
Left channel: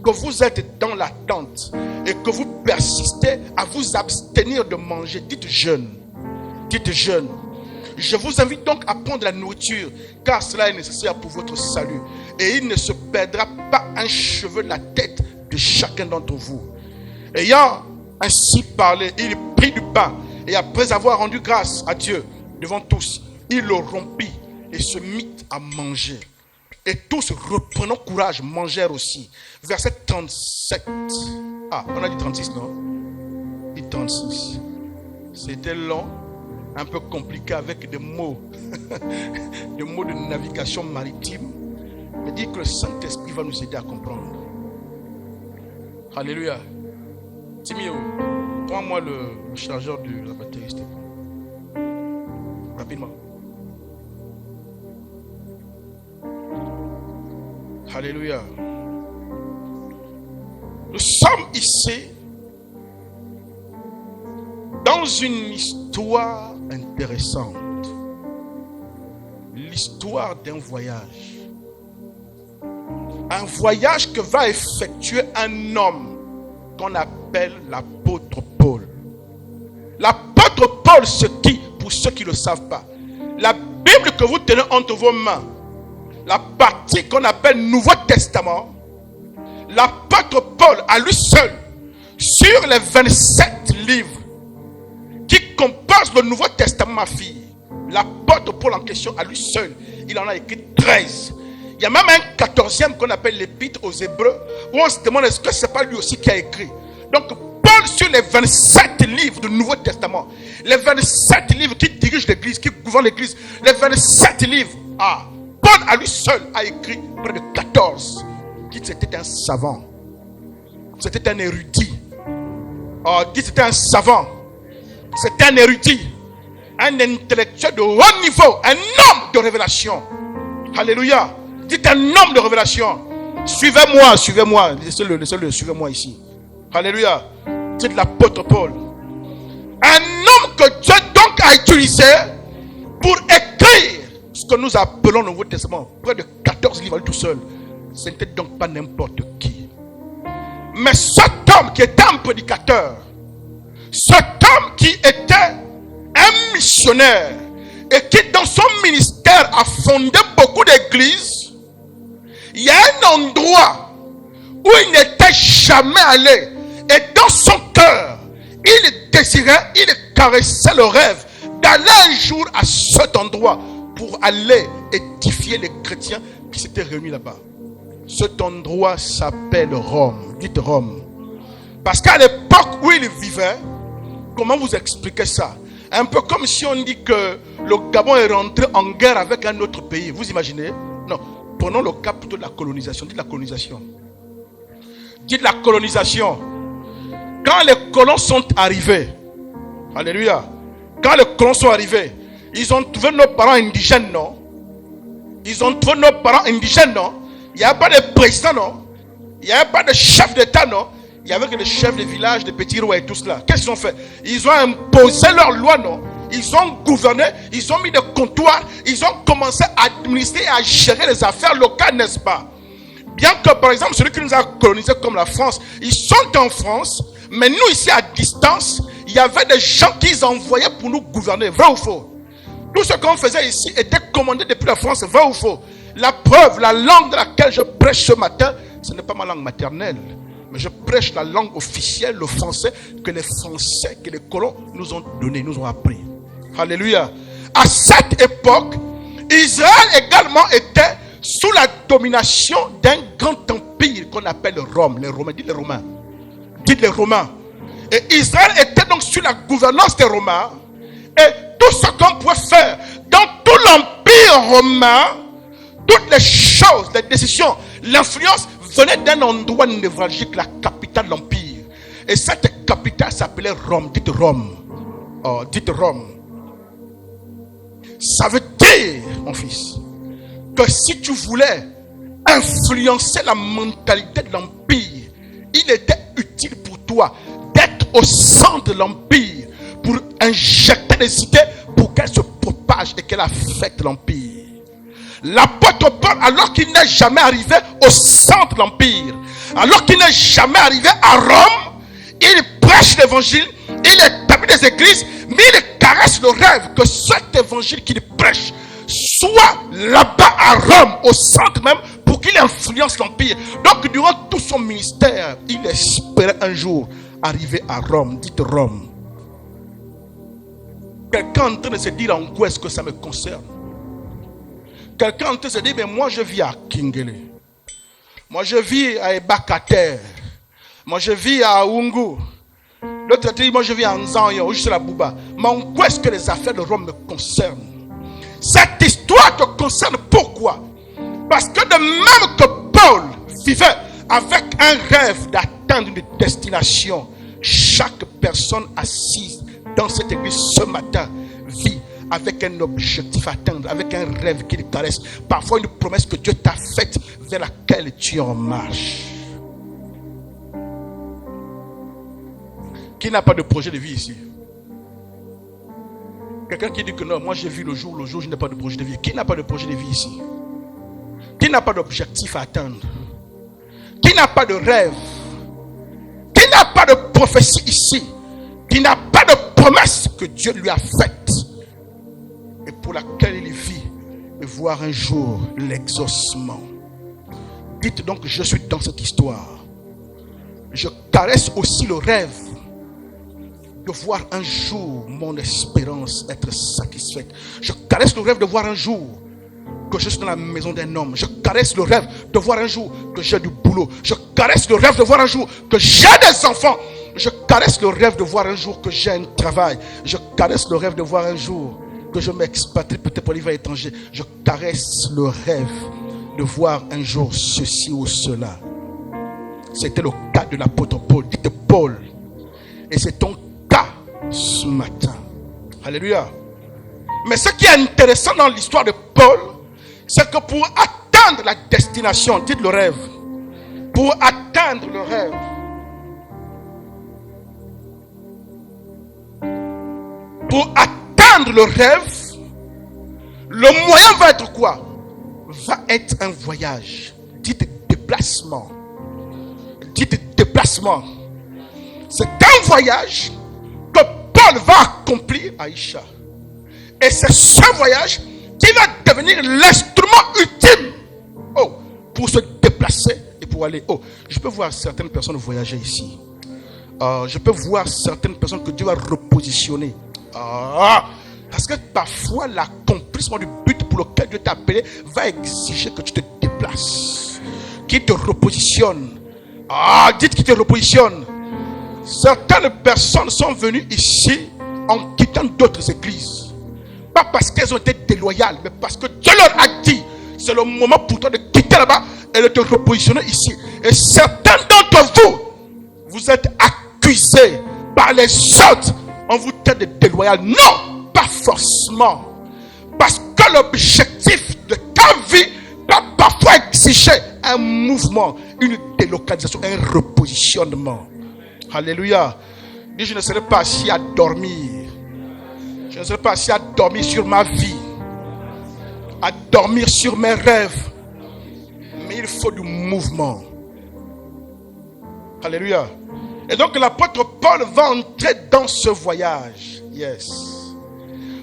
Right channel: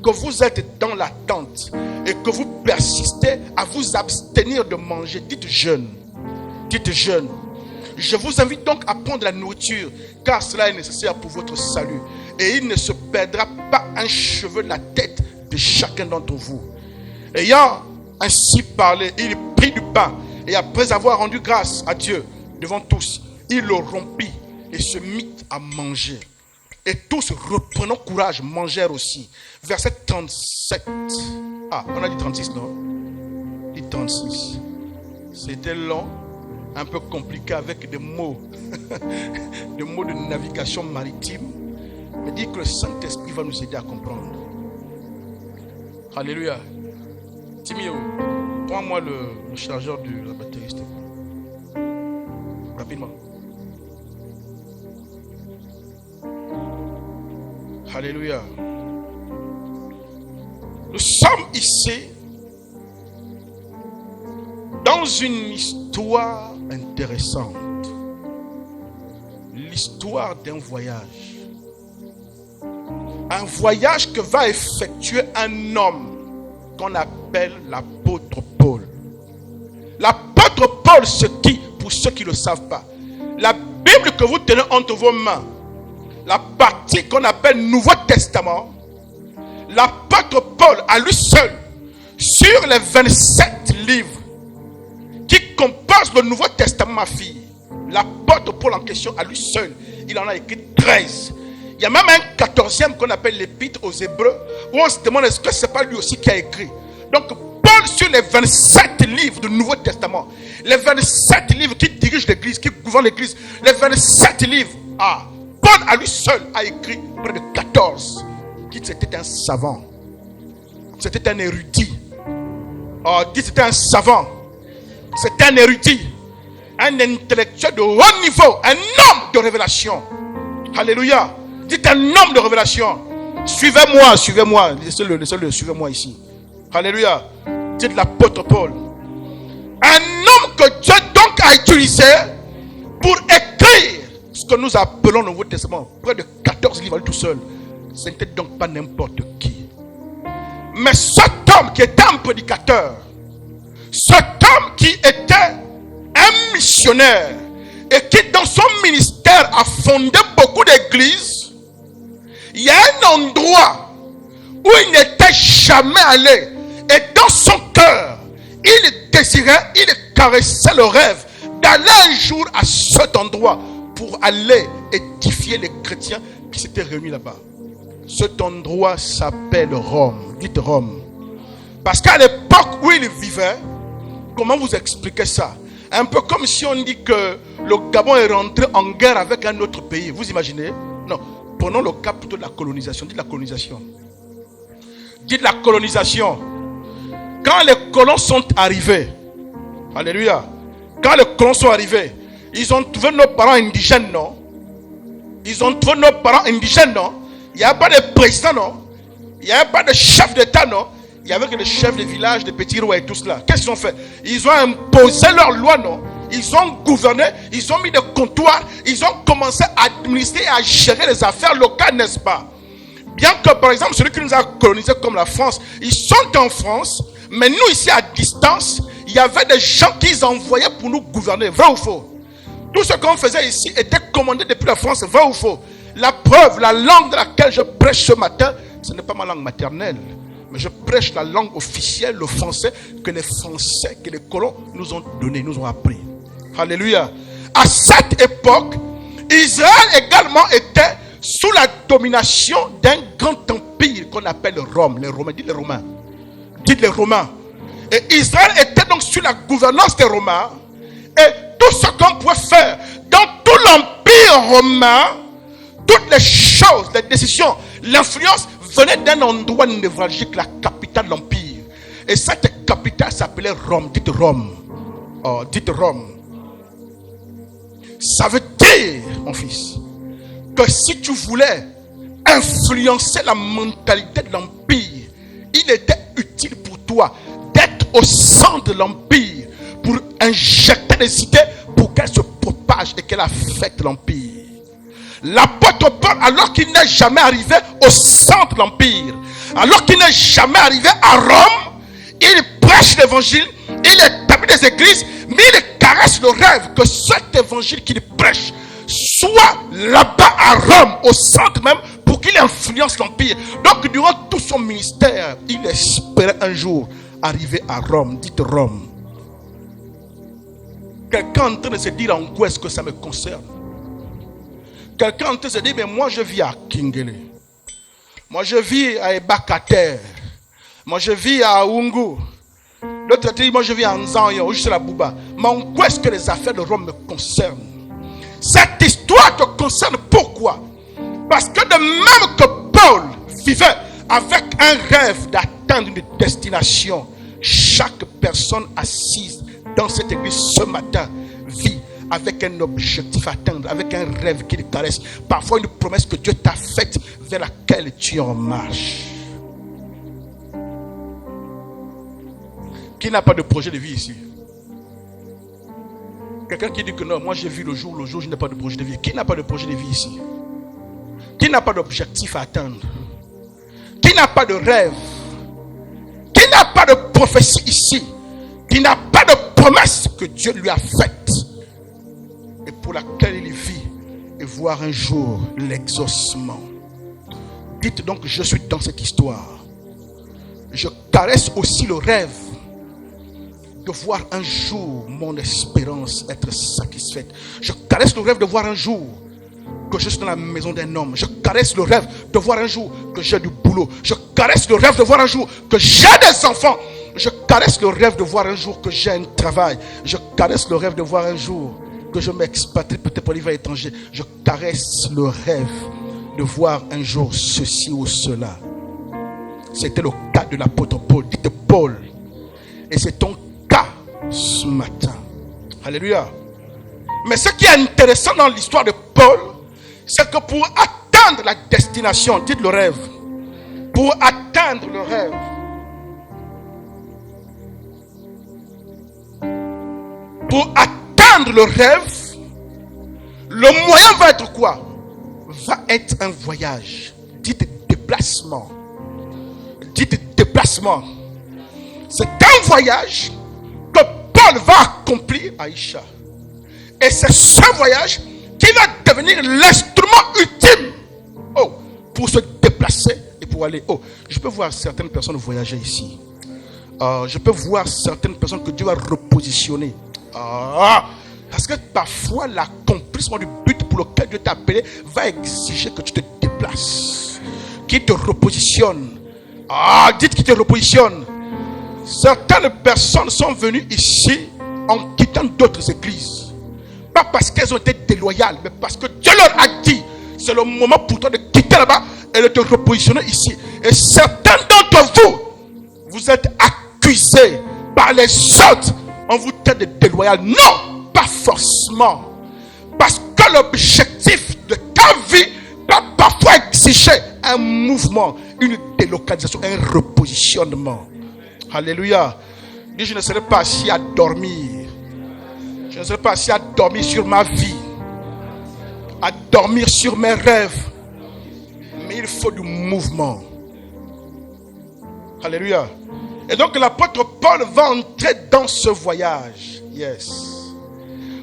que vous êtes dans la tente et que vous persistez à vous abstenir de manger. Dites: jeûne. Dites: jeûne. Je vous invite donc à prendre la nourriture, car cela est nécessaire pour votre salut. Et il ne se perdra pas un cheveu de la tête de chacun d'entre vous. Ayant ainsi parlé, il prit du pain et après avoir rendu grâce à Dieu devant tous, il le rompit et se mit à manger. Et tous, reprenant courage, mangèrent aussi. Verset 37. On a dit 36, non? Dit 36. C'était long, un peu compliqué avec des mots, des mots de navigation maritime. Mais dit que le Saint-Esprit va nous aider à comprendre. Alléluia. Timio, prends-moi le chargeur de la batterie. Rapidement. Alléluia. Nous sommes ici dans une histoire intéressante. L'histoire d'un voyage. Un voyage que va effectuer un homme qu'on appelle l'apôtre Paul. L'apôtre Paul, c'est qui? Pour ceux qui ne le savent pas. La Bible que vous tenez entre vos mains, la partie qu'on appelle Nouveau Testament, l'apôtre Paul à lui seul, sur les 27 livres qui composent le Nouveau Testament, ma fille, l'apôtre Paul en question à lui seul, il en a écrit 13. Il y a même un 14e qu'on appelle l'épître aux Hébreux, où on se demande est-ce que ce n'est pas lui aussi qui a écrit. Donc Paul sur les 27 livres du Nouveau Testament, les 27 livres qui dirigent l'église, qui gouvernent l'église, les 27 livres, Paul à lui seul a écrit près de 14. Dites: c'était un savant. C'était un érudit. Dites: c'était un savant. C'était un érudit. Un intellectuel de haut niveau. Un homme de révélation. Alléluia. Dites: un homme de révélation. Suivez-moi, suivez-moi. Laissez-le, suivez-moi ici. Alléluia. Dites l'apôtre Paul. Un homme que Dieu donc a utilisé pour écrire ce que nous appelons le Nouveau Testament. Près de 14 livres tout seul. Ce n'était donc pas n'importe qui. Mais cet homme qui était un prédicateur, cet homme qui était un missionnaire et qui dans son ministère a fondé beaucoup d'églises, il y a un endroit où il n'était jamais allé et dans son cœur, il désirait, il caressait le rêve d'aller un jour à cet endroit pour aller édifier les chrétiens qui s'étaient réunis là-bas. Cet endroit s'appelle Rome. Dites Rome. Parce qu'à l'époque où il vivait, comment vous expliquez ça? Un peu comme si on dit que le Gabon est rentré en guerre avec un autre pays. Vous imaginez? Non. Prenons le cas plutôt de la colonisation. Dites la colonisation. Dites la colonisation. Quand les colons sont arrivés, alléluia, quand les colons sont arrivés, ils ont trouvé nos parents indigènes, non? Ils ont trouvé nos parents indigènes, non? Il n'y avait pas de président, non? Il n'y avait pas de chef d'État, non? Il y avait que les chefs de village, des petits rois et tout cela. Qu'est-ce qu'ils ont fait? Ils ont imposé leurs lois, non? Ils ont gouverné, ils ont mis des comptoirs, ils ont commencé à administrer et à gérer les affaires locales, n'est-ce pas? Bien que, par exemple, celui qui nous a colonisés comme la France, ils sont en France, mais nous ici à distance, il y avait des gens qu'ils envoyaient pour nous gouverner. Vrai ou faux? Tout ce qu'on faisait ici était commandé depuis la France. Vrai ou faux? La preuve, la langue de laquelle je prêche ce matin, ce n'est pas ma langue maternelle. Mais je prêche la langue officielle, le français, que les Français, que les colons nous ont donné, nous ont appris. Alléluia. À cette époque, Israël également était sous la domination d'un grand empire qu'on appelle Rome. Les Romains, dites les Romains. Dites les Romains. Et Israël était donc sous la gouvernance des Romains. Et tout ce qu'on pouvait faire dans tout l'empire romain, toutes les choses, les décisions, l'influence venait d'un endroit névralgique, la capitale de l'empire. Et cette capitale s'appelait Rome. Dites Rome. Oh, dites Rome. Ça veut dire, mon fils, que si tu voulais influencer la mentalité de l'empire, il était utile pour toi d'être au centre de l'empire pour injecter des idées pour qu'elles se propagent et qu'elles affectent l'empire. L'apôtre Paul, alors qu'il n'est jamais arrivé au centre de l'empire, alors qu'il n'est jamais arrivé à Rome, il prêche l'évangile, il établit des églises, mais il caresse le rêve que cet évangile qu'il prêche soit là-bas à Rome, au centre même, pour qu'il influence l'empire. Donc durant tout son ministère, il espérait un jour arriver à Rome. Dites Rome. Quelqu'un en train de se dire en quoi est-ce que ça me concerne? Quelqu'un en train de se dire, mais moi je vis à Kingele. Moi je vis à Ebakater. Moi je vis à Oungu. L'autre dit, moi je vis à Nzanyo, ou je suis à Bouba. Mais en quoi est-ce que les affaires de Rome me concernent? Cette histoire te concerne pourquoi? Parce que de même que Paul vivait avec un rêve d'atteindre une destination, chaque personne assise dans cette église ce matin vit avec un objectif à atteindre, avec un rêve qui le caresse, parfois une promesse que Dieu t'a faite vers laquelle tu es en marche. Qui n'a pas de projet de vie ici? Quelqu'un qui dit que non, moi j'ai vu le jour, je n'ai pas de projet de vie. Qui n'a pas de projet de vie ici? Qui n'a pas d'objectif à atteindre? Qui n'a pas de rêve? Qui n'a pas de prophétie ici? Qui n'a pas de promesse que Dieu lui a faite et pour laquelle il vit et voir un jour l'exaucement? Dites donc, je suis dans cette histoire. Je caresse aussi le rêve de voir un jour mon espérance être satisfaite. Je caresse le rêve de voir un jour que je suis dans la maison d'un homme. Je caresse le rêve de voir un jour que j'ai du boulot. Je caresse le rêve de voir un jour que j'ai des enfants. Je caresse le rêve de voir un jour que j'ai un travail. Je caresse le rêve de voir un jour que je m'expatrie peut-être pour aller à l'étranger. Je caresse le rêve de voir un jour ceci ou cela. C'était le cas de l'apôtre Paul. Dites Paul. Et c'est ton cas ce matin. Alléluia. Mais ce qui est intéressant dans l'histoire de Paul, c'est que pour atteindre la destination, dites le rêve. pour atteindre le rêve, le moyen va être quoi? Va être un voyage. Dites déplacement. Dites déplacement. C'est un voyage que Paul va accomplir, Aïcha. Et c'est ce voyage qui va devenir l'instrument ultime pour se déplacer et pour aller. Je peux voir certaines personnes voyager ici. Je peux voir certaines personnes que Dieu va repositionner. Parce que parfois l'accomplissement du but pour lequel Dieu t'a appelé va exiger que tu te déplaces. Qui te repositionne. Dites qui te repositionne. Certaines personnes sont venues ici en quittant d'autres églises. Pas parce qu'elles ont été déloyales, mais parce que Dieu leur a dit, c'est le moment pour toi de quitter là-bas et de te repositionner ici. Et certains d'entre vous, vous êtes accusés par les autres. On vous traite de déloyal. Non, pas forcément. Parce que l'objectif de ta vie va parfois exiger un mouvement, une délocalisation, un repositionnement. Alléluia. Dis, je ne serai pas assis à dormir. Je ne serai pas assis à dormir sur ma vie, à dormir sur mes rêves. Mais il faut du mouvement. Alléluia. Et donc l'apôtre Paul va entrer dans ce voyage. Yes.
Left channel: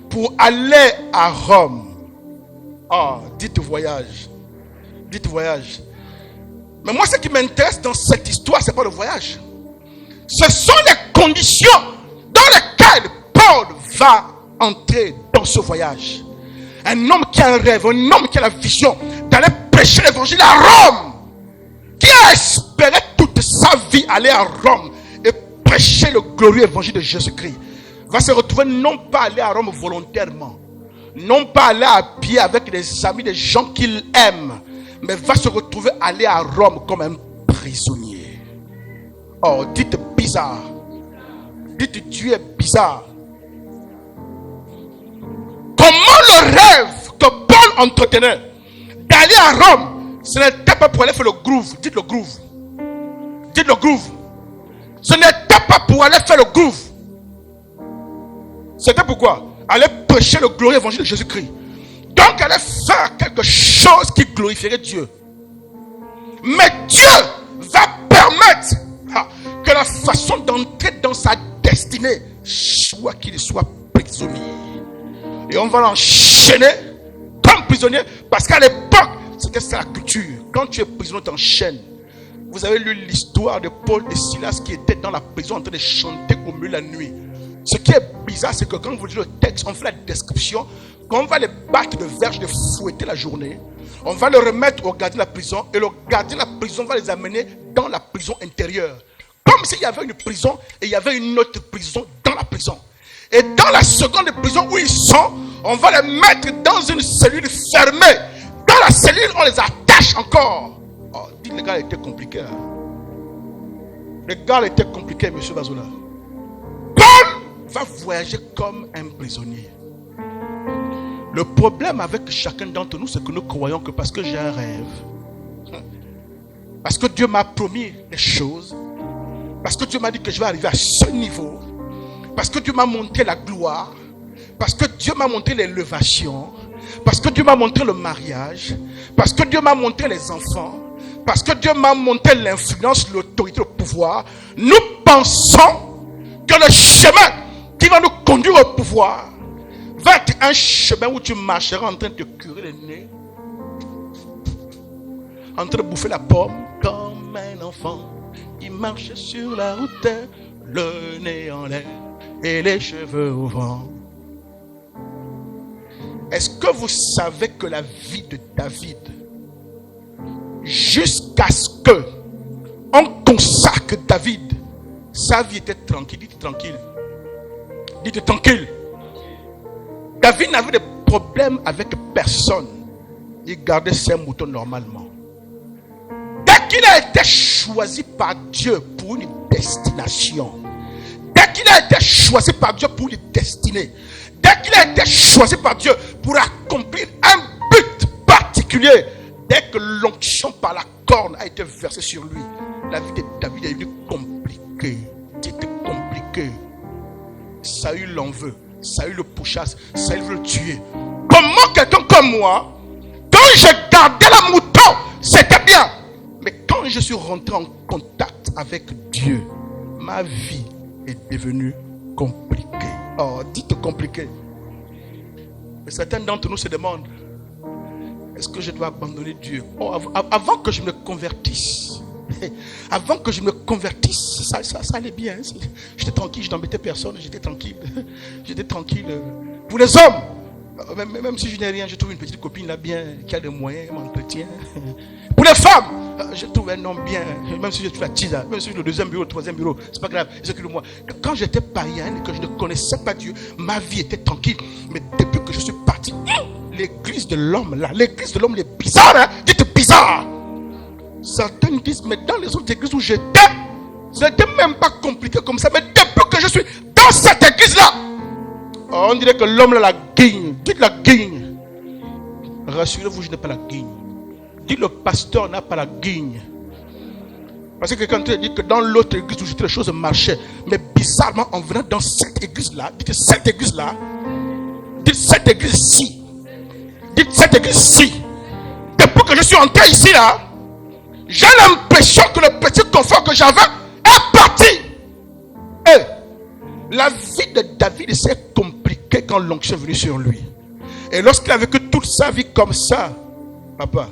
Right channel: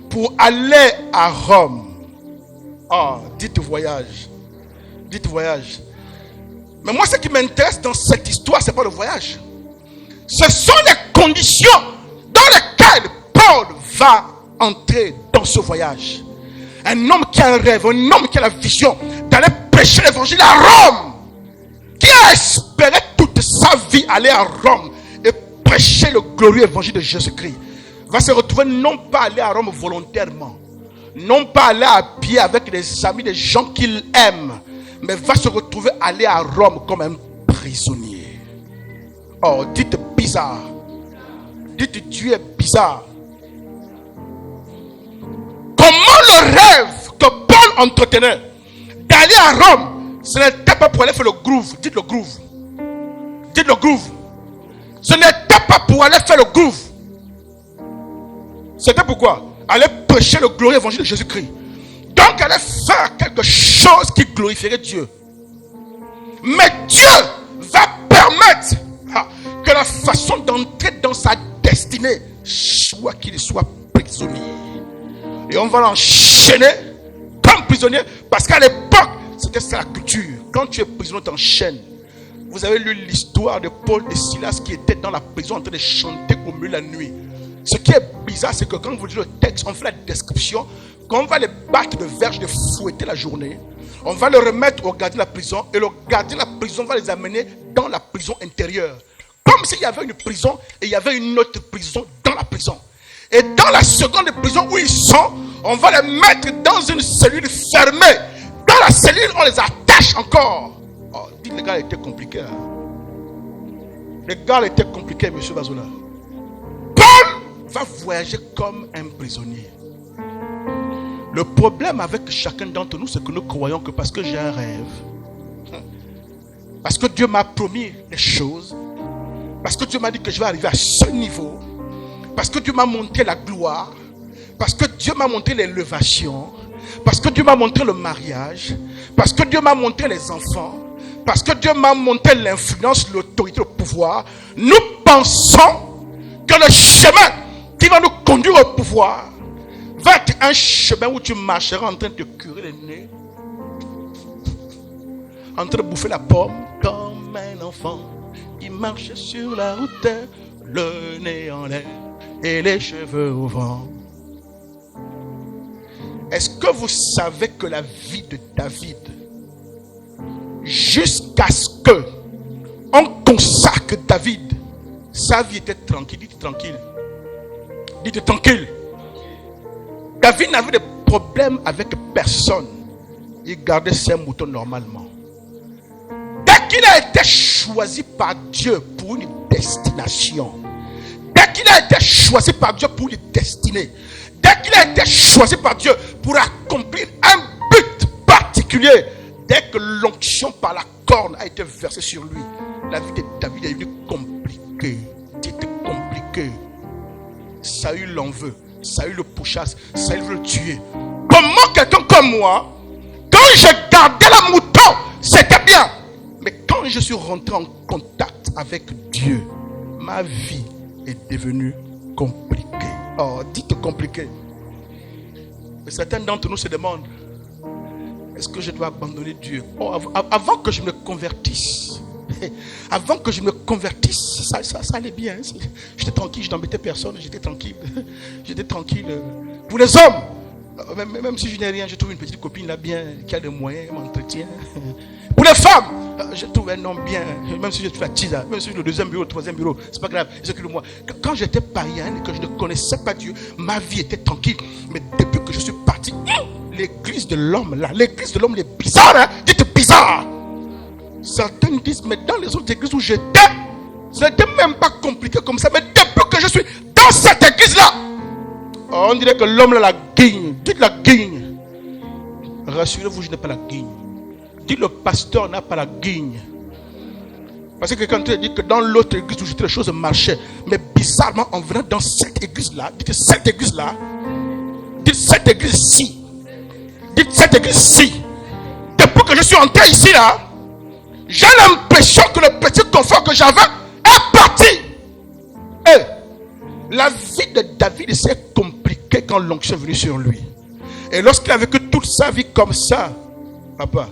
Pour aller à Rome. Dites voyage. Dites voyage. Mais moi, ce qui m'intéresse dans cette histoire, ce n'est pas le voyage. Ce sont les conditions dans lesquelles Paul va entrer dans ce voyage. Un homme qui a un rêve, un homme qui a la vision d'aller prêcher l'évangile à Rome, qui a espéré toute sa vie aller à Rome et prêcher le glorieux évangile de Jésus-Christ, va se retrouver non pas aller à Rome volontairement, non pas aller à pied avec des amis, des gens qu'il aime, mais va se retrouver aller à Rome comme un prisonnier. Dites bizarre. Dites Dieu est bizarre. Comment le rêve que Paul entretenait d'aller à Rome, ce n'était pas pour aller faire le groove. Dites le groove. Dites le groove. Ce n'était pas pour aller faire le groove. C'était pourquoi? Aller prêcher le glorieux évangile de Jésus-Christ. Donc aller faire quelque chose qui glorifierait Dieu. Mais Dieu va permettre que la façon d'entrer dans sa destinée soit qu'il soit prisonnier. Et on va l'enchaîner comme prisonnier. Parce qu'à l'époque, c'était ça la culture. Quand tu es prisonnier, tu t'enchaînes. Vous avez lu l'histoire de Paul et Silas qui étaient dans la prison en train de chanter au milieu de la nuit. Ce qui est bizarre, c'est que quand vous lisez le texte, on fait la description. Quand on va les battre de verge, de fouetter la journée, on va le remettre au gardien de la prison. Et le gardien de la prison va les amener dans la prison intérieure. Comme s'il y avait une prison et il y avait une autre prison dans la prison. Et dans la seconde prison où ils sont, on va les mettre dans une cellule fermée. Dans la cellule, on les attache encore. Dites, les gars étaient compliqués. Les gars étaient compliqués, M. Bazola. Paul va voyager comme un prisonnier. Le problème avec chacun d'entre nous, c'est que nous croyons que parce que j'ai un rêve, parce que Dieu m'a promis des choses, parce que Dieu m'a dit que je vais arriver à ce niveau, parce que Dieu m'a montré la gloire, parce que Dieu m'a montré l'élévation, parce que Dieu m'a montré le mariage, parce que Dieu m'a montré les enfants, parce que Dieu m'a montré l'influence, l'autorité, le pouvoir, nous pensons que le chemin qui va nous conduire au pouvoir va être un chemin où tu marcheras en train de te curer les nez, en train de bouffer la pomme comme un enfant qui marche sur la route, le nez en l'air et les cheveux au vent. Est-ce que vous savez que la vie de David, jusqu'à ce que on consacre David, sa vie était tranquille. Dites tranquille. Dites tranquille. David n'avait de problème avec personne. Il gardait ses moutons normalement. Dès qu'il a été choisi par Dieu pour une destination, dès qu'il a été choisi par Dieu pour une destinée, dès qu'il a été choisi par Dieu pour accomplir un but particulier, dès que l'onction par la corne a été versée sur lui. La vie de David est devenue compliquée. Dites compliquée. Saül l'en veut. Saül le pourchasse. Saül veut le tuer. Comment quelqu'un comme moi, quand je gardais la mouton, c'était bien. Mais quand je suis rentré en contact avec Dieu, ma vie est devenue compliquée. Oh, dites compliquée. Mais certains d'entre nous se demandent, est-ce que je dois abandonner Dieu? Oh, avant que je me convertisse, ça allait bien. J'étais tranquille, je n'embêtais personne, j'étais tranquille. Pour les hommes, même si je n'ai rien, je trouve une petite copine là bien, qui a des moyens, m'entretient. Pour les femmes, je trouve un homme bien, même si je suis fatigué, même si le deuxième bureau, le troisième bureau, c'est pas grave, c'est que moi. Quand j'étais païen et que je ne connaissais pas Dieu, ma vie était tranquille. Mais depuis que je suis parti, l'église de l'homme là, l'église de l'homme est bizarre, hein? Dites bizarre. Certains disent, mais dans les autres églises où j'étais, ce n'était même pas compliqué comme ça. Mais depuis que je suis dans cette église-là, on dirait que l'homme là la guigne. Dites la guigne. Rassurez-vous, je n'ai pas la guigne. Dites le pasteur n'a pas la guigne. Parce que quelqu'un te dit que dans l'autre église où j'étais, les choses marchaient. Mais bizarrement, en venant dans cette église-là, dites cette église-là, dites cette église-ci, dites cette église-ci. Depuis que je suis entré ici là, j'ai l'impression que le petit confort que j'avais est parti. Et la vie de David s'est compliquée quand l'onction est venue sur lui. Et lorsqu'il a vécu toute sa vie comme ça, papa,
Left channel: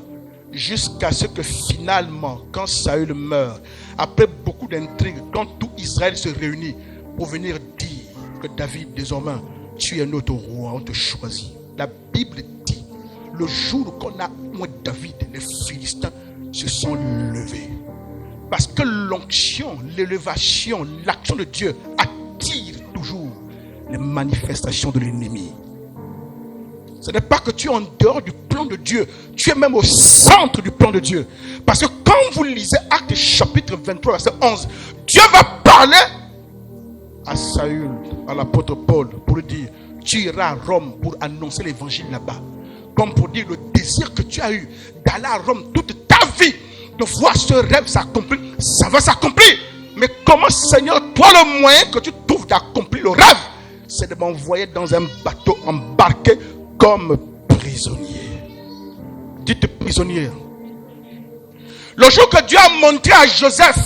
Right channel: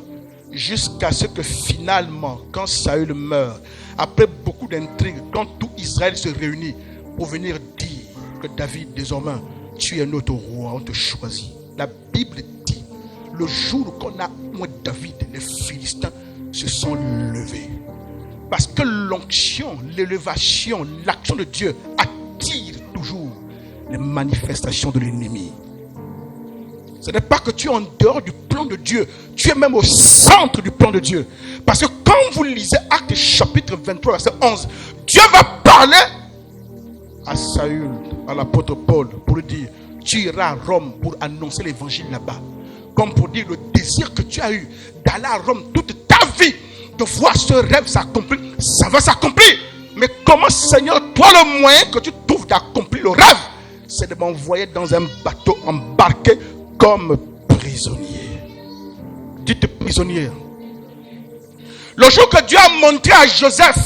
jusqu'à ce que finalement, quand Saül meurt, après beaucoup d'intrigues, quand tout Israël se réunit pour venir dire que David, désormais, tu es notre roi, on te choisit. La Bible dit, le jour qu'on a moi David, les Philistins se sont levés. Parce que l'onction, l'élévation, l'action de Dieu attire toujours les manifestations de l'ennemi. Ce n'est pas que tu es en dehors du plan de Dieu, tu es même au centre du plan de Dieu. Parce que quand vous lisez Actes chapitre 23, verset 11, Dieu va parler à Saül, à l'apôtre Paul, pour lui dire, tu iras à Rome pour annoncer l'évangile là-bas. Comme pour dire le désir que tu as eu d'aller à Rome toute ta vie, de voir ce rêve s'accomplir, ça va s'accomplir. Mais comment, Seigneur, toi le moyen que tu trouves d'accomplir le rêve, c'est de m'envoyer dans un bateau embarqué comme prisonnier. Dites prisonnier. Le jour que Dieu a montré à Joseph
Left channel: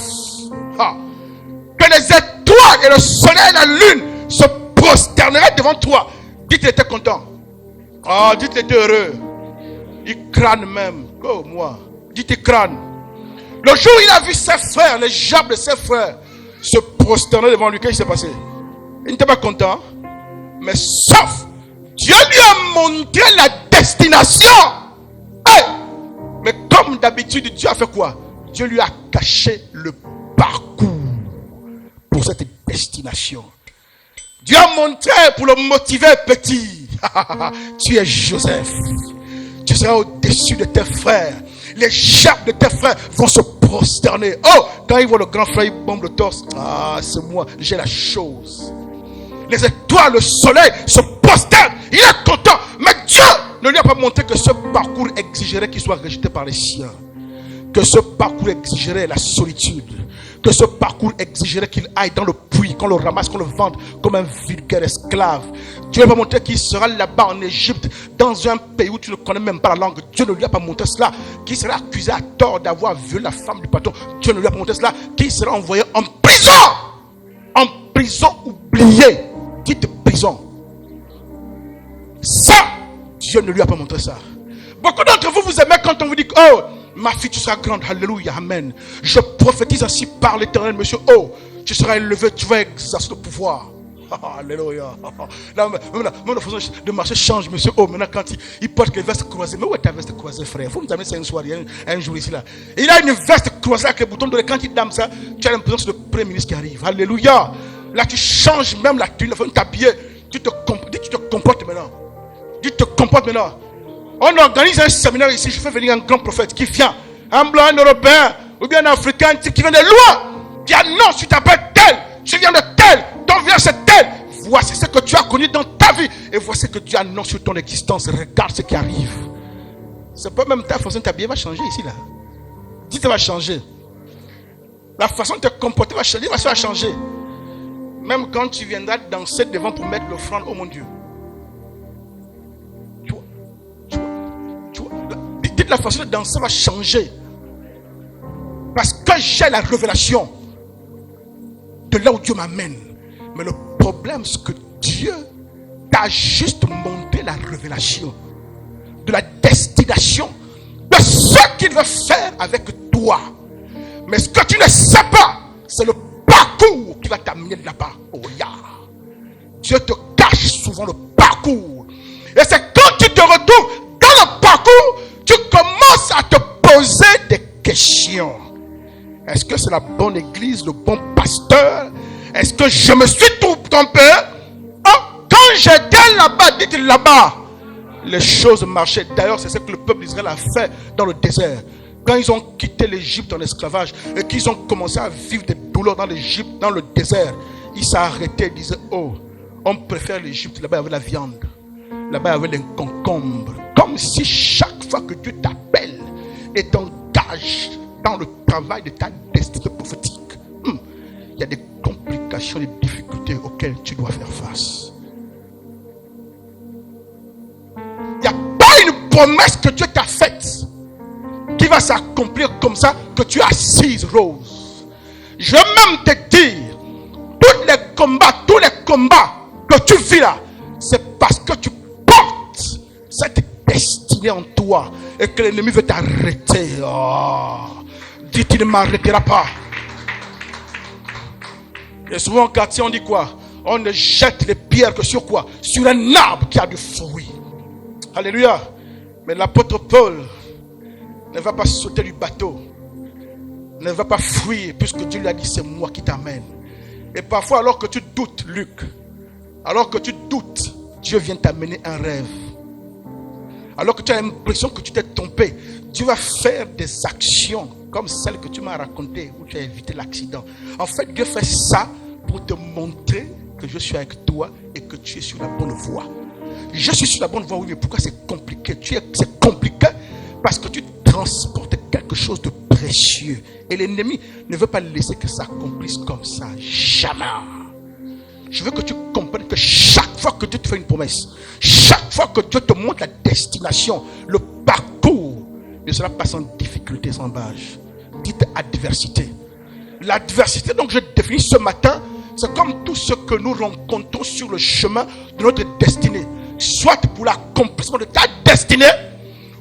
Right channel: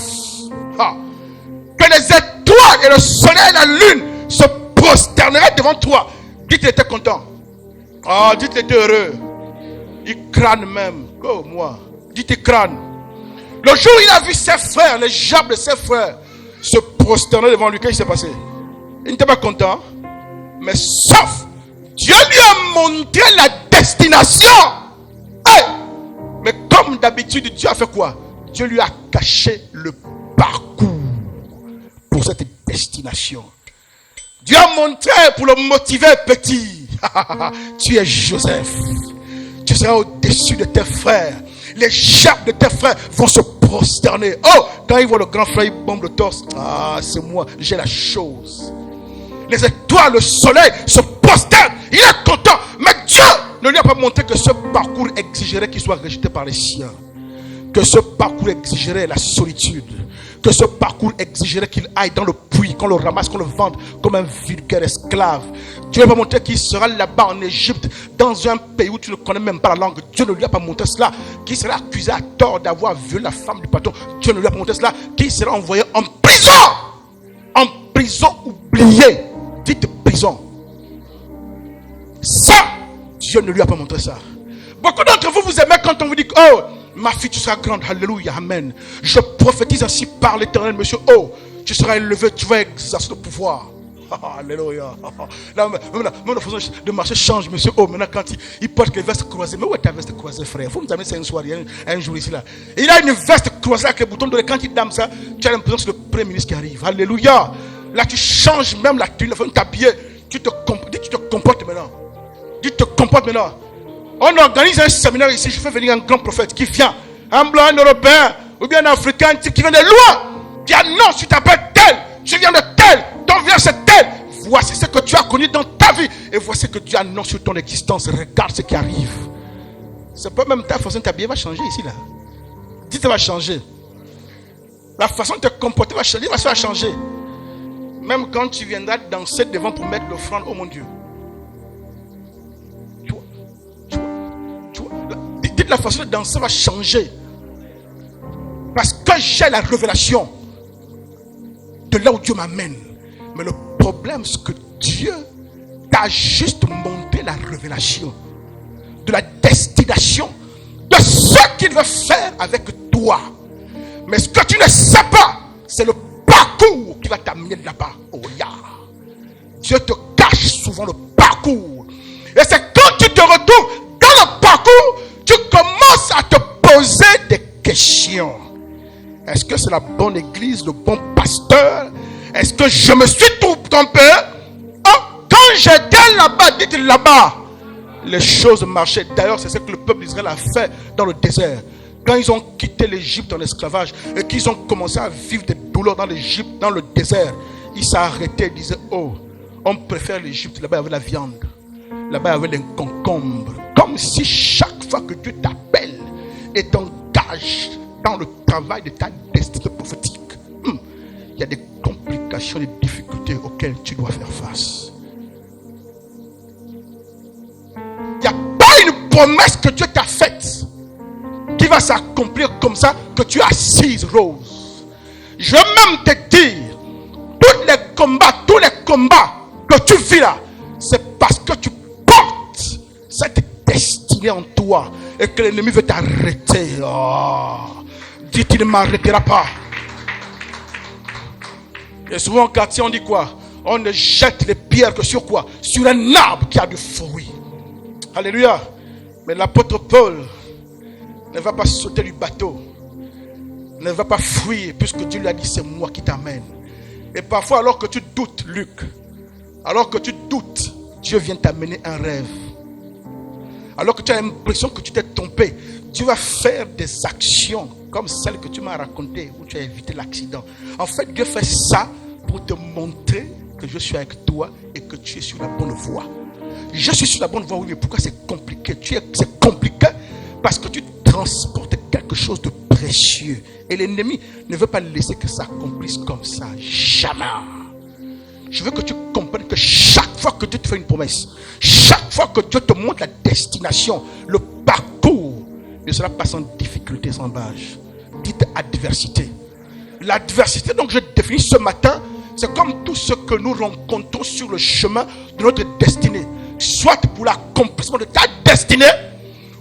que les étoiles et le soleil et la lune se prosterneraient devant toi, dites qu'il était content. Ah, dites qu'il était heureux. Il crâne même. Oh, moi. Dites qu'il crâne. Le jour où il a vu ses frères, les jambes de ses frères, se prosterner devant lui, qu'est-ce qui s'est passé? Il n'était pas content. Mais sauf, Dieu lui a montré la destination. Hey! Mais comme d'habitude, Dieu a fait quoi? Dieu lui a caché le parcours pour cette destination. Dieu a montré pour le motiver petit. Tu es Joseph. Tu seras au-dessus de tes frères. Les jambes de tes frères vont se prosterner. Oh, quand ils voient le grand frère, ils bombent le torse. Ah, c'est moi, j'ai la chose. Les étoiles, le soleil se prosternent. Il est content. Mais Dieu ne lui a pas montré que ce parcours exigerait qu'il soit rejeté par les siens. Que ce parcours exigerait la solitude. Que ce parcours exigerait qu'il aille dans le puits, qu'on le ramasse, qu'on le vende comme un vulgaire esclave. Dieu ne va pas montrer qu'il sera là-bas en Égypte, dans un pays où tu ne connais même pas la langue. Dieu ne lui a pas montré cela. Qu'il sera accusé à tort d'avoir violé la femme du patron. Dieu ne lui a pas montré cela. Qu'il sera envoyé en prison. En prison oubliée. Dites prison. Ça, Dieu ne lui a pas montré ça. Beaucoup d'entre vous, vous aimez quand on vous dit, oh, ma fille, tu seras grande, alléluia, amen. Je prophétise ainsi par l'Éternel, monsieur. Oh, tu seras élevé, tu vas exercer le pouvoir. Alléluia. Là, maintenant, la façon de marcher change, monsieur. Oh, maintenant, quand il porte les vestes croisées. Mais où est ta veste croisée, frère? Vous nous amenez ça une soirée, un jour ici, là. Il a une veste croisée avec les boutons de quand il dame ça, tu as l'impression que c'est le premier ministre qui arrive. Alléluia. Là, tu changes même la tenue, la façon de t'habiller. Tu te comportes maintenant. Tu te comportes maintenant. On organise un séminaire ici, je fais venir un grand prophète qui vient, un blanc, un européen, ou bien un africain qui vient de loin, qui annonce, tu t'appelles tel, tu viens de tel, ton vient c'est tel. Voici ce que tu as connu dans ta vie, et voici ce que Dieu annonce sur ton existence. Regarde ce qui arrive. C'est pas même ta façon de t'habiller va changer ici là. Dites, ça va changer. La façon de te comporter va changer. Ça va changer. Même quand tu viendras danser devant pour mettre l'offrande, oh mon Dieu. Dites, la façon de danser va changer. Parce que j'ai la révélation de là où Dieu m'amène. Mais le problème, c'est que Dieu t'a juste montré la révélation de la destination de ce qu'il veut faire avec toi. Mais ce que tu ne sais pas, c'est le parcours qui va t'amener là-bas. Oh yeah. Dieu te cache souvent le parcours. Et c'est quand tu te retrouves dans le parcours, tu commences à te poser des questions. Est-ce que c'est la bonne église, le bon pasteur? Est-ce que je me suis trompé? Quand j'étais là-bas, dites là-bas, les choses marchaient. D'ailleurs, c'est ce que le peuple d'Israël a fait dans le désert. Quand ils ont quitté l'Égypte en esclavage et qu'ils ont commencé à vivre des douleurs dans l'Égypte, dans le désert, ils s'arrêtaient et disaient, oh, on préfère l'Égypte, là-bas il y avait la viande, là-bas il y avait les concombres. Comme si chaque fois que Dieu t'appelle et t'engage dans le travail de ta destinée prophétique, il y a des complications, des difficultés auxquelles tu dois faire face. Il n'y a pas une promesse que Dieu t'a faite qui va s'accomplir comme ça, que tu es assise rose. Je vais même te dire, tous les combats que tu vis là, c'est parce que tu portes cette destinée en toi et que l'ennemi veut t'arrêter. Oh. Dis, tu ne m'arrêteras pas. Et souvent au quartier on dit quoi? On ne jette les pierres que sur quoi? Sur un arbre qui a du fruit. Alléluia. Mais l'apôtre Paul ne va pas sauter du bateau, ne va pas fuir, puisque Dieu lui a dit c'est moi qui t'amène. Et parfois alors que tu doutes, Luc, alors que tu doutes, Dieu vient t'amener un rêve. Alors que tu as l'impression que tu t'es trompé, tu vas faire des actions comme celle que tu m'as racontée, où tu as évité l'accident. En fait, Dieu fait ça pour te montrer que je suis avec toi et que tu es sur la bonne voie. Je suis sur la bonne voie, oui, mais pourquoi c'est compliqué? C'est compliqué parce que tu transportes quelque chose de précieux. Et l'ennemi ne veut pas laisser que ça accomplisse comme ça. Jamais. Je veux que tu comprennes que chaque fois que Dieu te fait une promesse, chaque fois que Dieu te montre la destination, le parcours, ne sera pas sans difficulté, sans âge. Dites adversité. L'adversité, donc je définis ce matin, c'est comme tout ce que nous rencontrons sur le chemin de notre destinée. Soit pour l'accomplissement de ta destinée,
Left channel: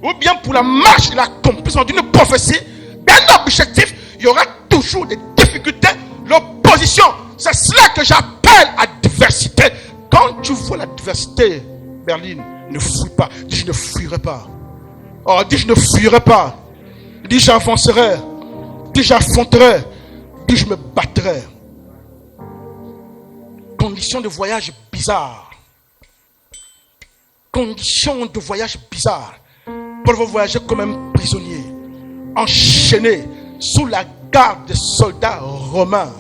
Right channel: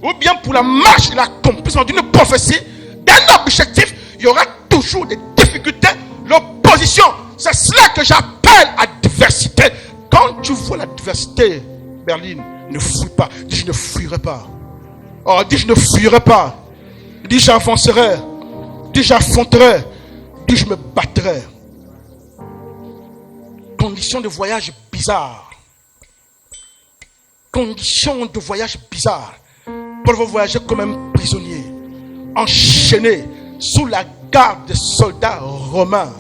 ou bien pour la marche et l'accomplissement d'une prophétie, d'un objectif, il y aura toujours des difficultés, l'opposition. C'est cela que j'appelle adversité. Quand tu vois l'adversité, Berline, ne fuis pas. Dis, je ne fuirai pas. Oh, dis, je ne fuirai pas. Dis, j'avancerai. Dis, j'affronterai. Dis, je me battrai. Conditions de voyage bizarres. Conditions de voyage bizarres. Paul va voyager comme un prisonnier, enchaîné sous la garde des soldats romains.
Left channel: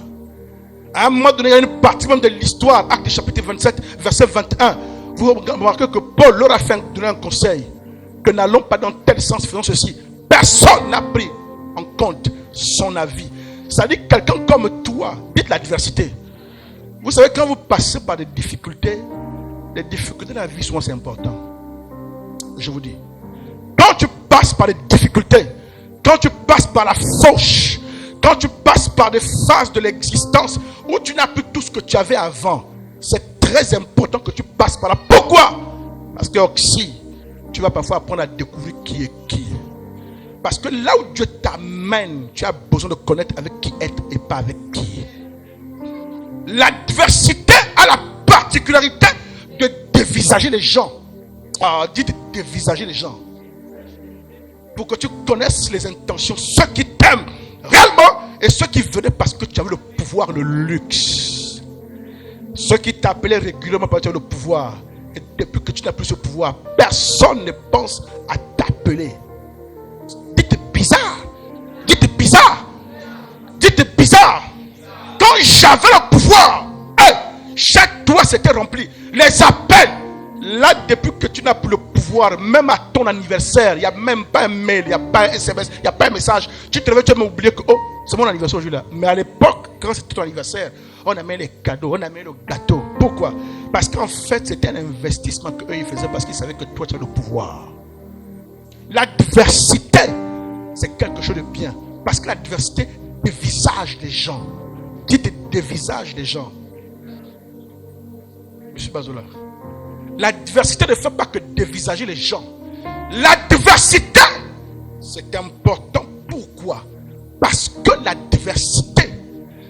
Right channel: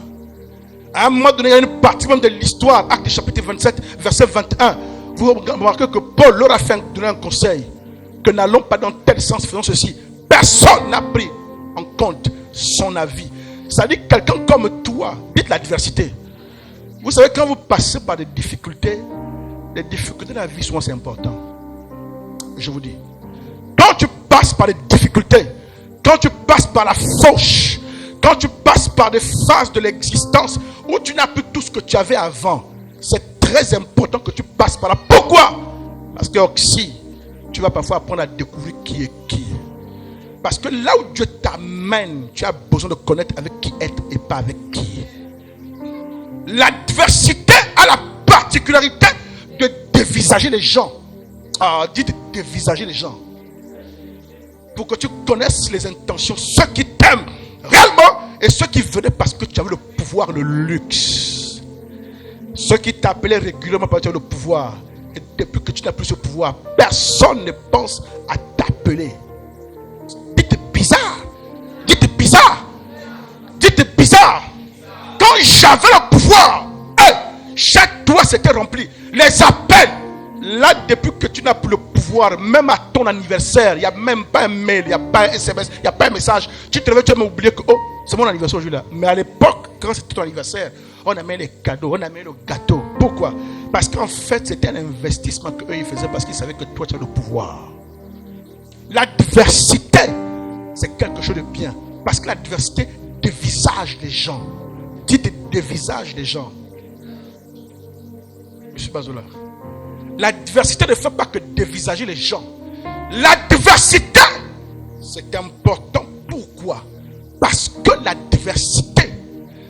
À un moment donné, il y a une partie même de l'histoire, Actes chapitre 27, verset 21. Vous remarquez que Paul leur a fait donner un conseil, que n'allons pas dans tel sens, faisons ceci. Personne n'a pris en compte son avis. Ça dit quelqu'un comme toi, dites l'adversité. Vous savez, quand vous passez par des difficultés de la vie, souvent c'est important. Je vous dis. Quand tu passes par des difficultés, quand tu passes par la fauche, quand tu passes par des phases de l'existence où tu n'as plus tout ce que tu avais avant, c'est très important que tu passes par là. Pourquoi? Parce que aussi, tu vas parfois apprendre à découvrir qui est qui. Parce que là où Dieu t'amène, tu as besoin de connaître avec qui être et pas avec qui. L'adversité a la particularité de dévisager les gens. Ah, dites dévisager les gens. Pour que tu connaisses les intentions, ceux qui t'aiment réellement et ceux qui venaient parce que tu avais le pouvoir, le luxe. Ceux qui t'appelaient régulièrement parce que tu avais le pouvoir. Et depuis que tu n'as plus ce pouvoir, personne ne pense à t'appeler. Dites bizarre. Dites bizarre. Dites bizarre. Quand j'avais le pouvoir, chaque doigt s'était rempli. Les appels Là, depuis que tu n'as plus le pouvoir, même à ton anniversaire, il n'y a même pas un mail, il n'y a pas un SMS, il n'y a pas un message. Tu te réveilles, tu as même oublié que c'est mon anniversaire aujourd'hui-là. Mais à l'époque, quand c'était ton anniversaire, on amène les cadeaux, on amène le gâteau. Pourquoi? Parce qu'en fait, c'était un investissement qu'eux ils faisaient parce qu'ils savaient que toi, tu as le pouvoir. L'adversité, c'est quelque chose de bien. Parce que l'adversité dévisage les gens. Dites dévisage les gens. Je suis pas là. L'adversité ne fait pas que dévisager les gens. L'adversité, c'est important. Pourquoi? Parce que l'adversité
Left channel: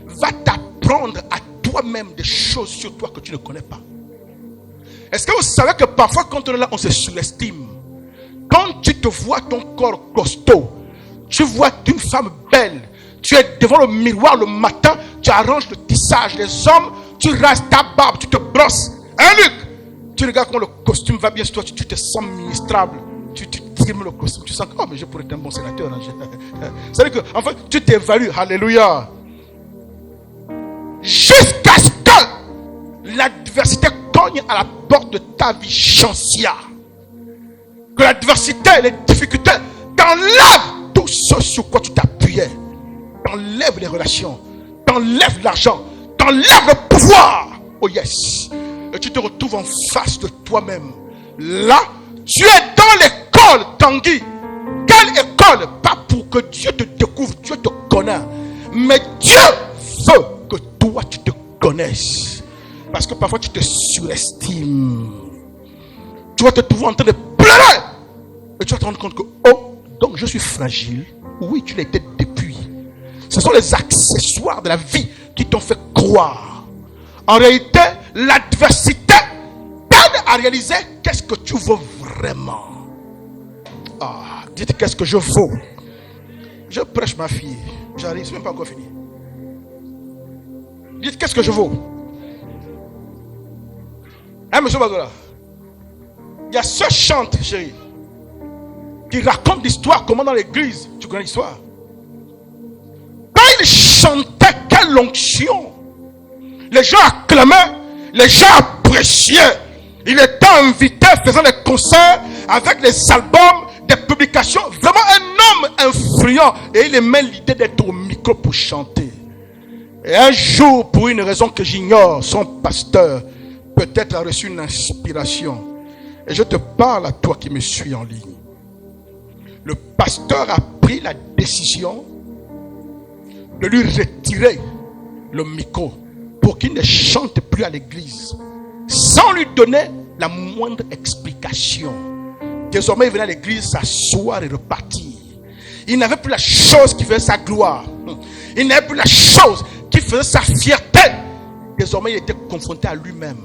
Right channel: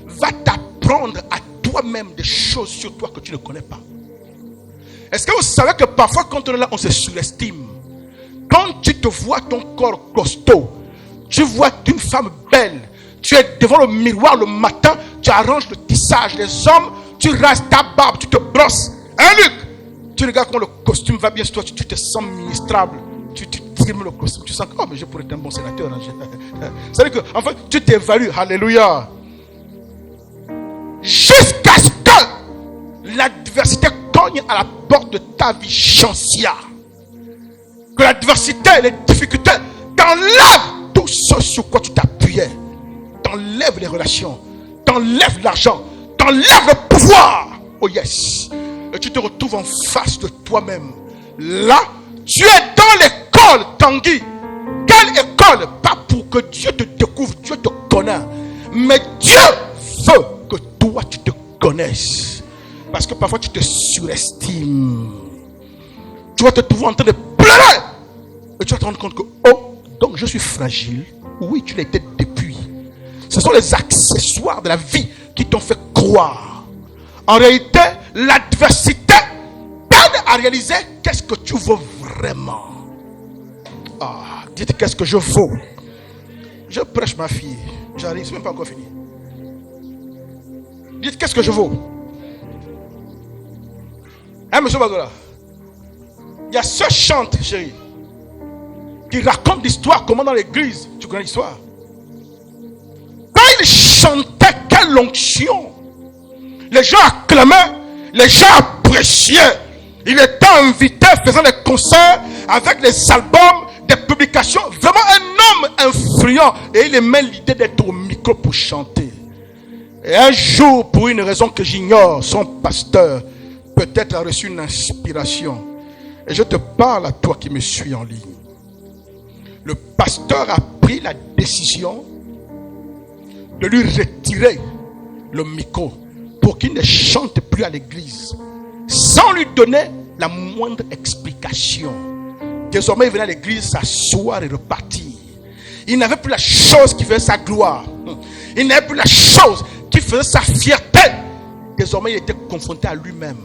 va t'apprendre à toi-même des choses sur toi que tu ne connais pas. Est-ce que vous savez que parfois quand on est là, on se surestime? Quand tu te vois ton corps costaud, tu vois une femme belle, tu es devant le miroir le matin, tu arranges le tissage des hommes, tu rases ta barbe, tu te brosses. Hein, Luc? Tu regardes quand le costume va bien sur toi, tu te sens ministrable. Tu trimes le costume, tu sens que mais je pourrais être un bon sénateur. C'est-à-dire que, en fait, tu t'évalues. Alléluia. Jusqu'à ce que l'adversité cogne à la porte de ta vie chancière. Que l'adversité, les difficultés t'enlèvent tout ce sur quoi tu t'appuyais. T'enlèvent les relations, t'enlèvent l'argent, t'enlèvent le pouvoir. Oh yes. Et tu te retrouves en face de toi-même. Là, tu es dans l'école, Tanguy. Quelle école? Pas pour que Dieu te découvre, Dieu te connaît. Mais Dieu veut que toi, tu te connaisses. Parce que parfois, tu te surestimes. Tu vas te trouver en train de pleurer. Et tu vas te rendre compte que, donc je suis fragile. Oui, tu l'étais depuis. Ce sont les accessoires de la vie qui t'ont fait croire. En réalité, l'adversité t'aide à réaliser qu'est-ce que tu veux vraiment. Dites qu'est-ce que je vaux. Je prêche ma fille. J'arrive, c'est même pas encore fini. Dites qu'est-ce que je vaux. Hein, monsieur Badola? Il y a ce chante, chérie, qui raconte l'histoire, comment dans l'église, tu connais l'histoire. Quand il chantait, quelle onction. Les gens acclamaient, les gens appréciaient. Il était invité, faisant des concerts avec les albums, des publications. Vraiment un homme influent. Et il aimait l'idée d'être au micro pour chanter. Et un jour, pour une raison que j'ignore, son pasteur peut-être a reçu une inspiration. Et je te parle à toi qui me suis en ligne. Le pasteur a pris la décision de lui retirer le micro pour qu'il ne chante plus à l'église sans lui donner la moindre explication. Désormais, il venait à l'église s'asseoir et repartir. Il n'avait plus la chose qui faisait sa gloire. Il n'avait plus la chose qui faisait sa fierté. Désormais, il était confronté à lui-même.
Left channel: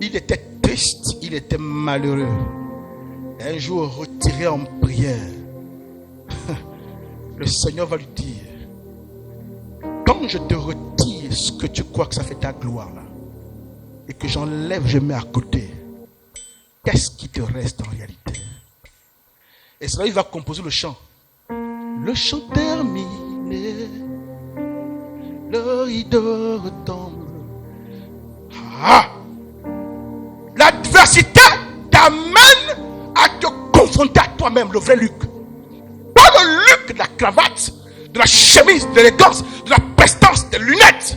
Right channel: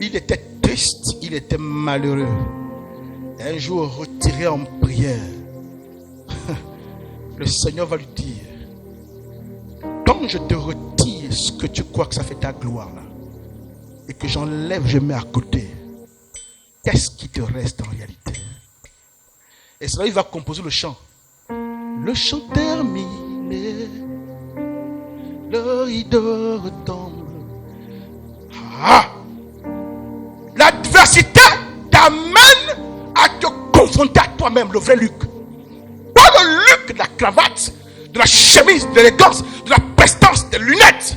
Il était triste, il était malheureux. Un jour, retiré en prière, le Seigneur va lui dire: quand je te retire ce que tu crois que ça fait ta gloire, et que j'enlève, je mets à côté, qu'est-ce qui te reste en réalité? Et cela, il va composer le chant. Le chant terminé, le rideau retombe. L'adversité t'amène à te confronter à toi-même, le vrai Luc. Pas le Luc de la cravate, de la chemise, de l'élégance, de la prestance, des lunettes,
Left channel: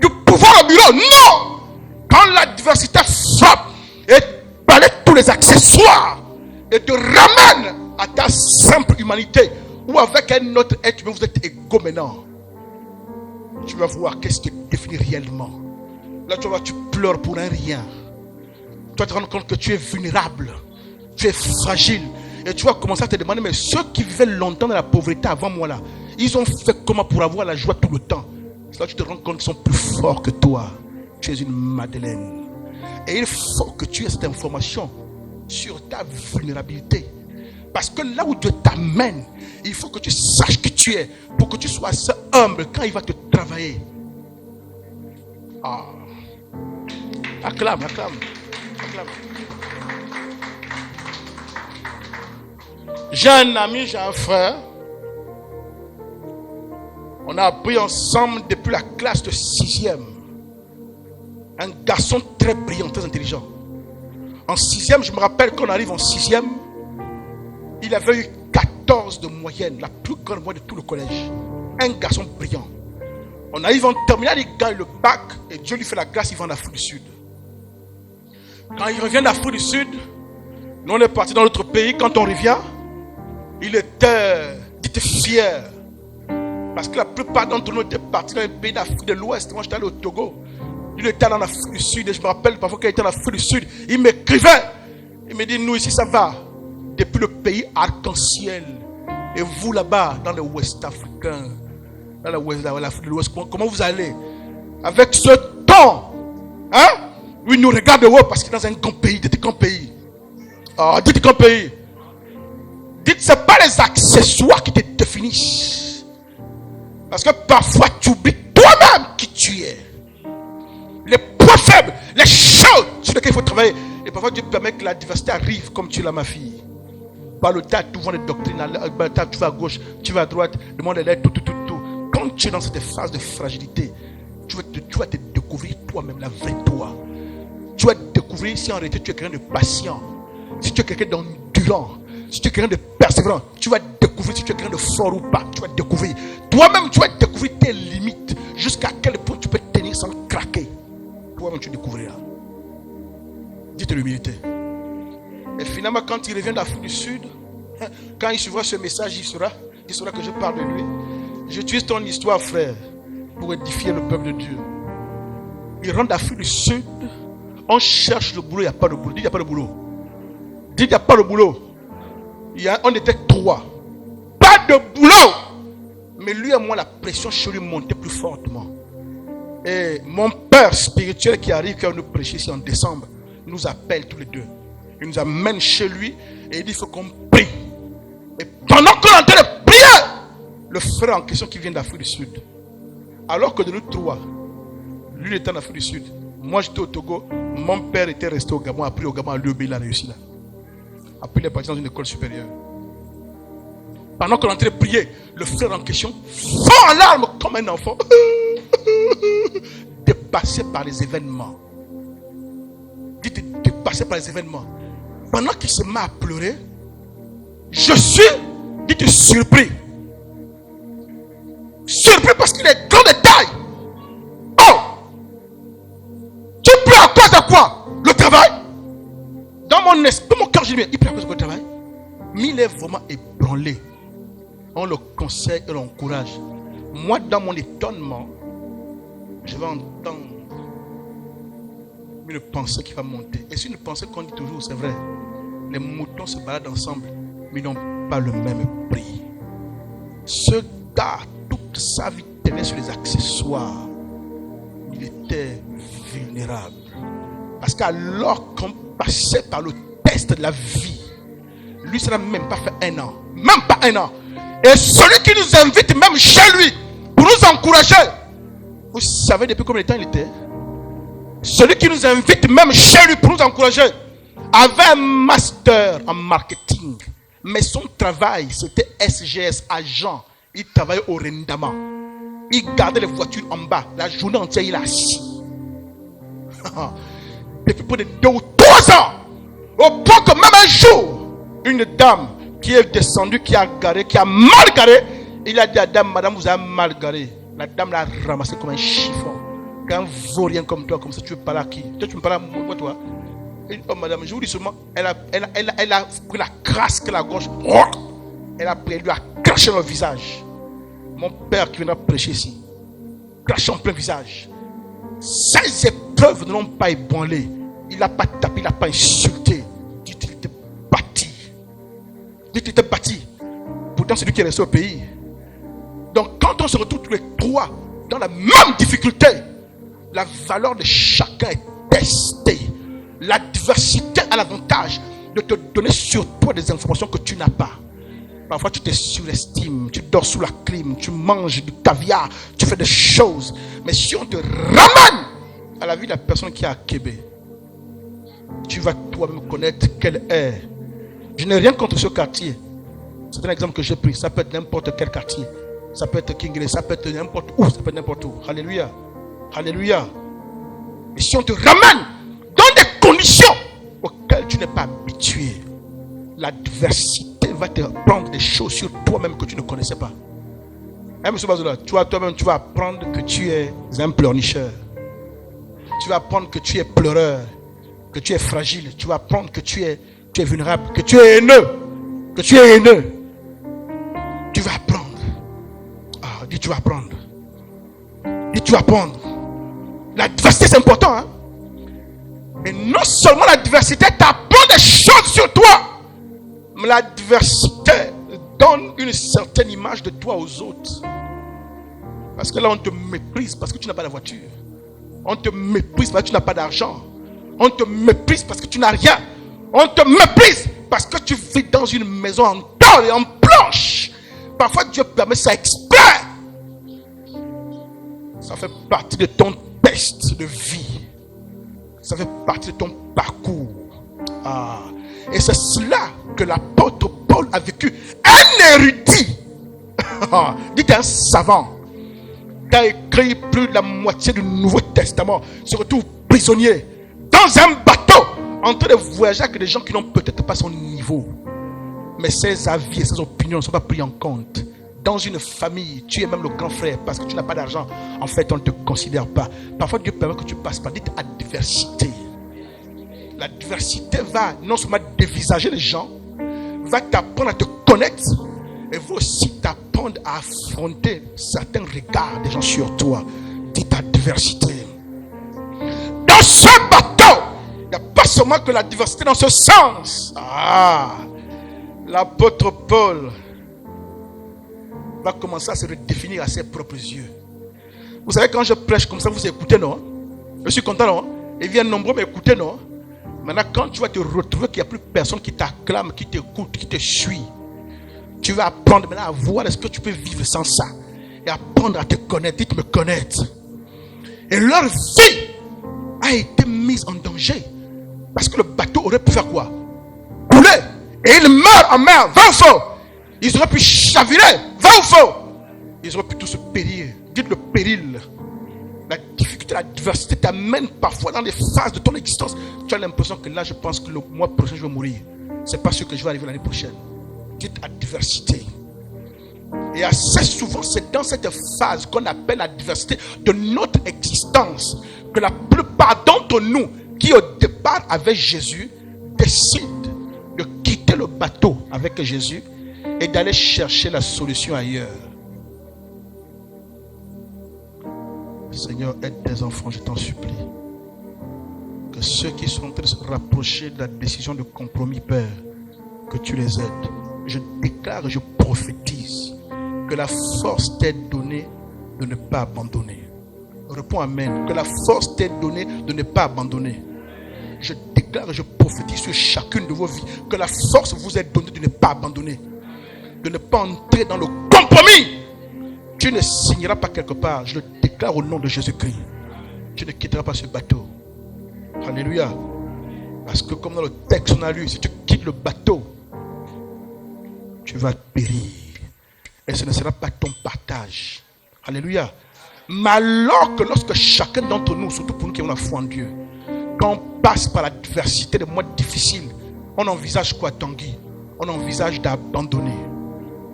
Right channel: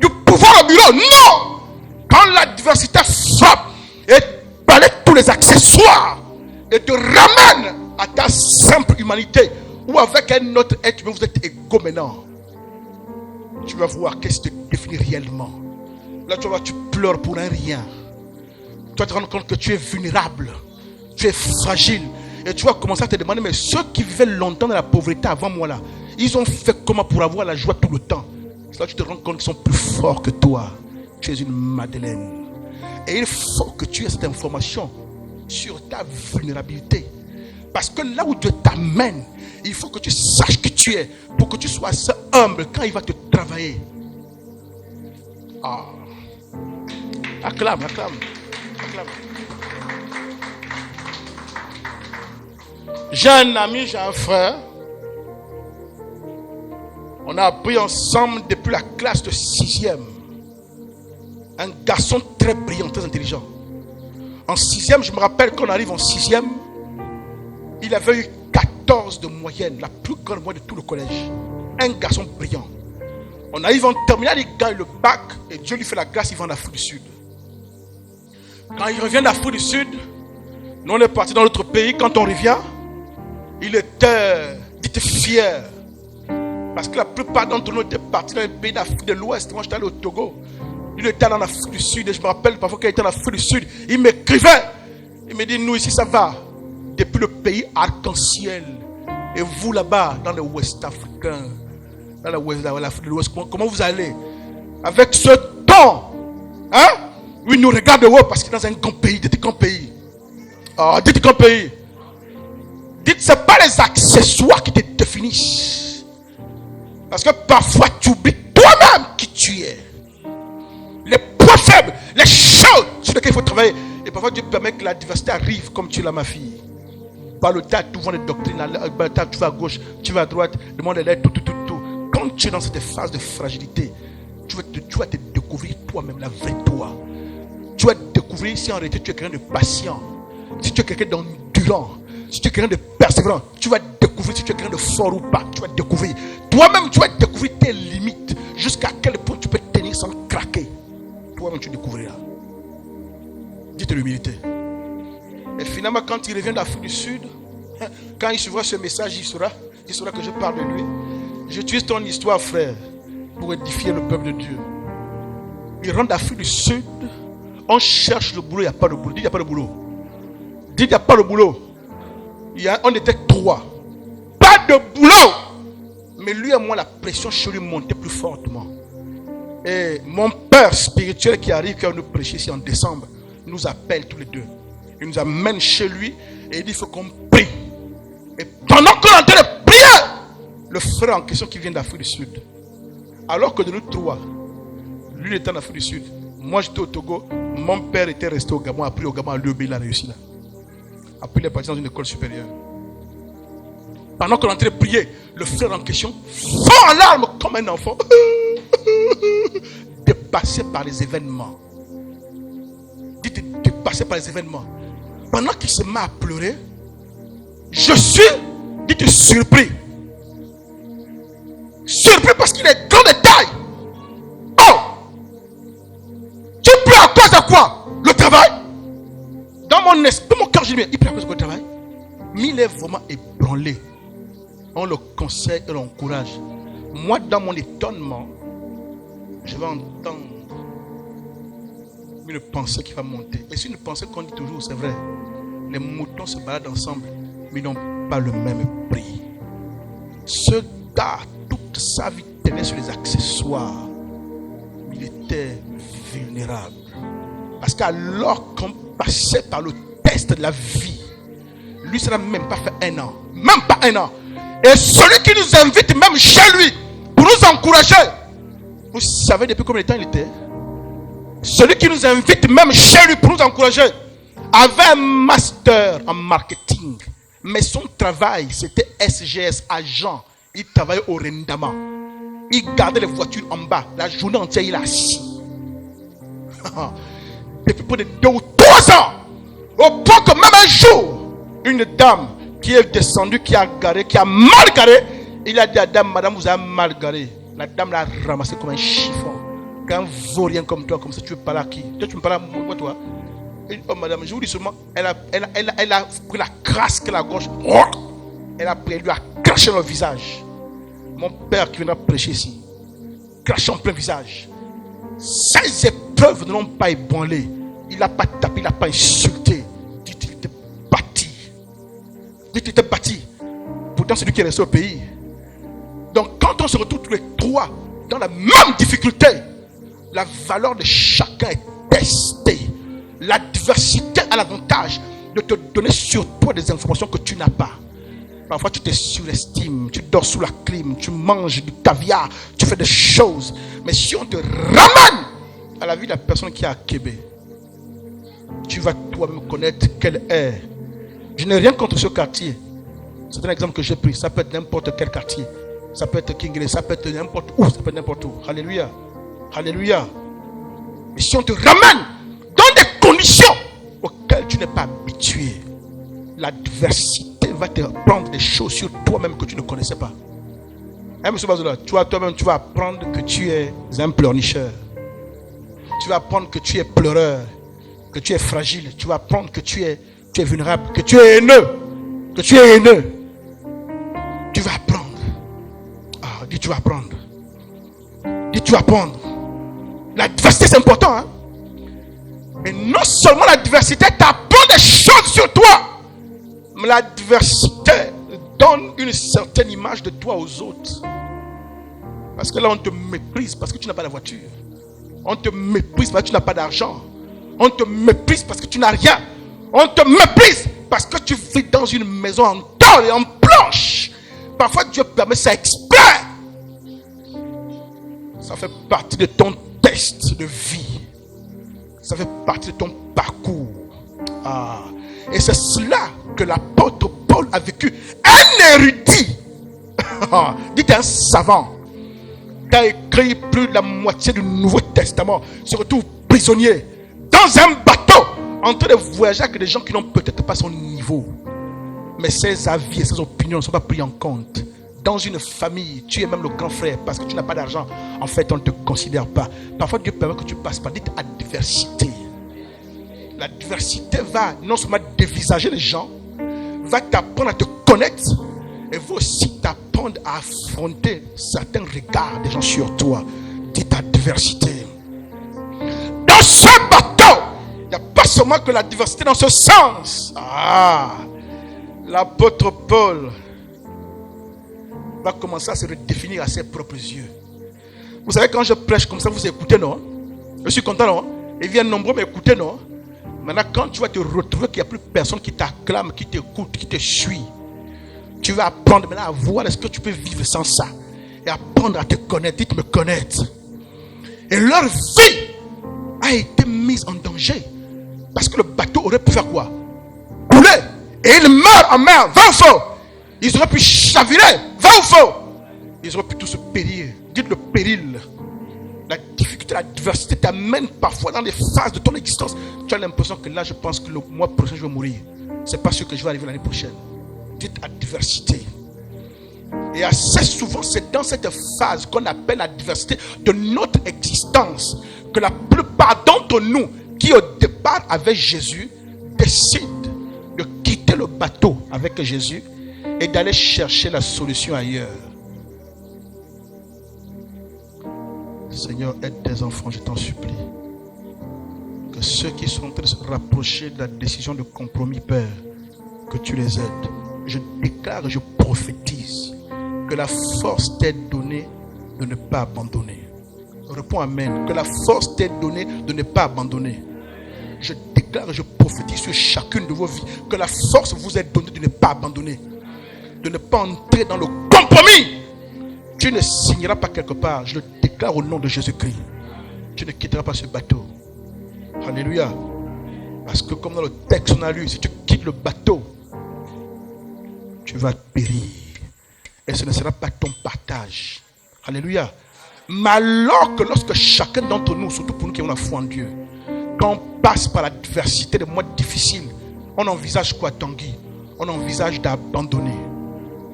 du pouvoir au bureau. Non! Quand l'adversité frappe et balaie tous les accessoires et te ramène à ta simple humanité, ou avec un autre être, mais vous êtes égaux maintenant, tu vas voir qu'est-ce qui te définit réellement. Là, tu vas voir, tu pleures pour un rien. Tu vas te rendre compte que tu es vulnérable, tu es fragile. Et tu vas commencer à te demander, mais ceux qui vivaient longtemps dans la pauvreté avant moi là, ils ont fait comment pour avoir la joie tout le temps? C'est là que tu te rends compte qu'ils sont plus forts que toi. Tu es une Madeleine. Et il faut que tu aies cette information sur ta vulnérabilité. Parce que là où Dieu t'amène, il faut que tu saches qui tu es, pour que tu sois assez humble quand il va te travailler. Acclame, acclame. J'ai un ami, j'ai un frère. On a appris ensemble depuis la classe de 6e. Un garçon très brillant, très intelligent. En 6e, je me rappelle qu'on arrive en 6e, il avait eu 14 de moyenne, la plus grande moyenne de tout le collège. Un garçon brillant. On arrive en terminale, il gagne le bac et Dieu lui fait la grâce, il va en Afrique du Sud. Quand il revient d'Afrique du Sud, nous on est parti dans notre pays. Quand on revient, il était fier. Parce que la plupart d'entre nous étaient partis dans les pays d'Afrique de l'Ouest. Moi j'étais allé au Togo. Il était allé en Afrique du Sud et je me rappelle parfois qu'il était en Afrique du Sud. Il m'écrivait. Il me dit, nous ici ça va. Depuis le pays arc-en-ciel. Et vous là-bas, dans le Ouest africain, dans l'Afrique de l'Ouest, comment vous allez? Avec ce ton, hein? Oui, nous regarde de haut parce que dans un grand pays, dites grand pays. Oh, dites grand pays. Dites, ce n'est pas les accessoires qui te définissent. Parce que parfois tu oublies toi-même qui tu es. Les points faibles, les choses sur lesquelles il faut travailler. Et parfois Dieu permet que la diversité arrive comme tu l'as, ma fille. Par le tas, tu vois les doctrines, tu vas à gauche, tu vas à droite, le monde est là, tout. Quand tu es dans cette phase de fragilité, tu vas te découvrir toi-même, la vraie toi. Tu vas découvrir si en réalité tu es quelqu'un de patient, si tu es quelqu'un d'endurant, si tu es quelqu'un de persévérant. Tu vas découvrir si tu es quelqu'un de fort ou pas. Tu vas découvrir. Toi-même, tu vas découvrir tes limites. Jusqu'à quel point tu peux tenir sans craquer. Toi-même, tu découvriras. Dites l'humilité. Et finalement, quand il revient d'Afrique du Sud, quand il suivra ce message, il saura que je parle de lui. J'utilise ton histoire, frère, pour édifier le peuple de Dieu. Il rentre d'Afrique du Sud. On cherche le boulot, il n'y a pas de boulot. Dites, il n'y a pas de boulot. Dites, il n'y a pas de boulot. On était 3. Pas de boulot. Mais lui et moi, la pression chez lui montait plus fortement. Et mon père spirituel qui arrive, qui va nous prêcher ici en décembre, nous appelle tous les deux. Il nous amène chez lui et il dit, il faut qu'on prie. Et pendant qu'on est en train de prier, le frère en question qui vient d'Afrique du Sud, alors que de nous 3, lui était en Afrique du Sud, moi j'étais au Togo, mon père était resté au Gabon, après au Gabon, à l'UEB, il a réussi là. Après il est parti dans une école supérieure. Pendant qu'on est en train de prier, le frère en question fort en larmes comme un enfant, dépassé par les événements. Dites, dépassé par les événements. Pendant qu'il se met à pleurer, je suis, dites, surpris. Surpris parce qu'il est grand de taille. Oh! Tu pleures à cause de quoi? Le travail? Dans mon esprit, mon cœur, je dis, il pleure à cause de quoi, le travail? Mais il est vraiment ébranlé. On le conseille et l'encourage. Moi, dans mon étonnement, je vais entendre une pensée qui va monter. Et c'est une pensée qu'on dit toujours, c'est vrai. Les moutons se baladent ensemble, mais ils n'ont pas le même prix. Ce gars, toute sa vie, tenait sur les accessoires. Il était vulnérable. Parce qu'alors qu'on passait par le test de la vie, lui, ça n'a même pas fait 1 an. Même pas 1 an. Et celui qui nous invite même chez lui, pour nous encourager, vous savez depuis combien de temps il était? Celui qui nous invite même chez lui pour nous encourager, avait un master en marketing. Mais son travail, c'était SGS, agent. Il travaillait au rendement. Il gardait les voitures en bas. La journée entière, il est assis. Depuis près de 2 ou 3 ans. Au point que même un jour, une dame qui est descendue, qui a mal garé, il a dit à la dame, madame, vous avez mal garé. La dame l'a ramassé comme un chiffon. Quand vaurien comme toi, comme ça, tu veux parler à qui? Toi, tu me parles à moi, toi? Et, oh, madame, je vous dis seulement, elle a pris la crasse qu'elle a à gauche. Elle a pris, elle lui a craché le visage. Mon père qui vient prêcher ici, craché en plein visage. Ces épreuves ne l'ont pas ébranlé. Il n'a pas tapé, il n'a pas insulté. Dites, il était bâti. Dites, il était bâti. Pourtant, c'est lui qui est resté au pays. Donc, quand on se retrouve tous les 3 dans la même difficulté, la valeur de chacun est testée. La diversité a l'avantage de te donner sur toi des informations que tu n'as pas. Parfois tu te surestimes, tu dors sous la clim, tu manges du caviar, tu fais des choses. Mais si on te ramène à la vie de la personne qui est à Québec, tu vas toi-même connaître quelle est. Je n'ai rien contre ce quartier. C'est un exemple que j'ai pris. Ça peut être n'importe quel quartier. Ça peut être Kingley, ça peut être n'importe où, ça peut être n'importe où. Alléluia. Alléluia. Et si on te ramène dans des conditions auxquelles l'adversité va te prendre des choses sur toi-même que tu ne connaissais pas. Hein, monsieur Bazola, toi-même, tu vas apprendre que tu es un pleurnicheur. Tu vas apprendre que tu es pleureur, que tu es fragile. Tu vas apprendre que tu es vulnérable, que tu es haineux. Que tu es haineux. Tu vas apprendre. Ah, dis tu vas apprendre. Dis tu vas apprendre. L'adversité c'est important. Hein? Mais non seulement l'adversité t'apprend des choses sur toi, mais l'adversité donne une certaine image de toi aux autres. Parce que là on te méprise parce que tu n'as pas la voiture. On te méprise parce que tu n'as pas d'argent. On te méprise parce que tu n'as rien. On te méprise parce que tu vis dans une maison en tôle et en planche. Parfois Dieu permet ça exprès. Ça fait partie de ton test de vie. Ça fait partie de ton parcours. Ah. Et c'est cela que l'apôtre Paul a vécu. Un érudit. Dites un savant. Qui a écrit plus de la moitié du Nouveau Testament. Se retrouve prisonnier. Dans un bateau. En train de voyager avec des gens qui n'ont peut-être pas son niveau. Mais ses avis et ses opinions ne sont pas pris en compte. Dans une famille, tu es même le grand frère parce que tu n'as pas d'argent. En fait, on ne te considère pas. Parfois, Dieu permet que tu passes par dites adversité. L'adversité va non seulement dévisager les gens, va t'apprendre à te connaître et va aussi t'apprendre à affronter certains regards des gens sur toi. Dites adversité. Dans ce bateau, il n'y a pas seulement que l'adversité dans ce sens. Ah, l'apôtre Paul va commencer à se redéfinir à ses propres yeux. Vous savez, quand je prêche comme ça, vous écoutez, non? Je suis content, non? Ils viennent nombreux m'écouter, non? Maintenant, quand tu vas te retrouver qu'il n'y a plus personne qui t'acclame, qui t'écoute, qui te suit, tu vas apprendre maintenant à voir est-ce que tu peux vivre sans ça. Et apprendre à te connaître, dites me connaître. Et leur vie a été mise en danger. Parce que le bateau aurait pu faire quoi? Couler. Et ils meurent en mer, 20 fois. Ils auraient pu chavirer, 20 fois. Ils auraient pu tous se périr. Dites le péril. La difficulté, l'adversité t'amène parfois dans des phases de ton existence. Tu as l'impression que là, je pense que le mois prochain, je vais mourir. C'est pas sûr que je vais arriver l'année prochaine. Dites adversité. Et assez souvent, c'est dans cette phase qu'on appelle l'adversité de notre existence que la plupart d'entre nous, qui au départ avec Jésus, décident de quitter le bateau avec Jésus et d'aller chercher la solution ailleurs. Seigneur, aide tes enfants, je t'en supplie. Que ceux qui sont en train de se rapprocher de la décision de compromis, Père, que tu les aides. Je déclare et je prophétise que la force t'est donnée de ne pas abandonner. Réponds Amen. Que la force t'est donnée de ne pas abandonner. Je déclare et je prophétise sur chacune de vos vies que la force vous est donnée de ne pas abandonner. De ne pas entrer dans le compromis. Tu ne signeras pas quelque part. Je le déclare au nom de Jésus-Christ. Tu ne quitteras pas ce bateau. Alléluia. Parce que comme dans le texte on a lu, si tu quittes le bateau, tu vas périr. Et ce ne sera pas ton partage. Alléluia. Mais alors que lorsque chacun d'entre nous, surtout pour nous qui avons la foi en Dieu, quand on passe par l'adversité, des mois difficiles, on envisage quoi, Tanguy? On envisage d'abandonner,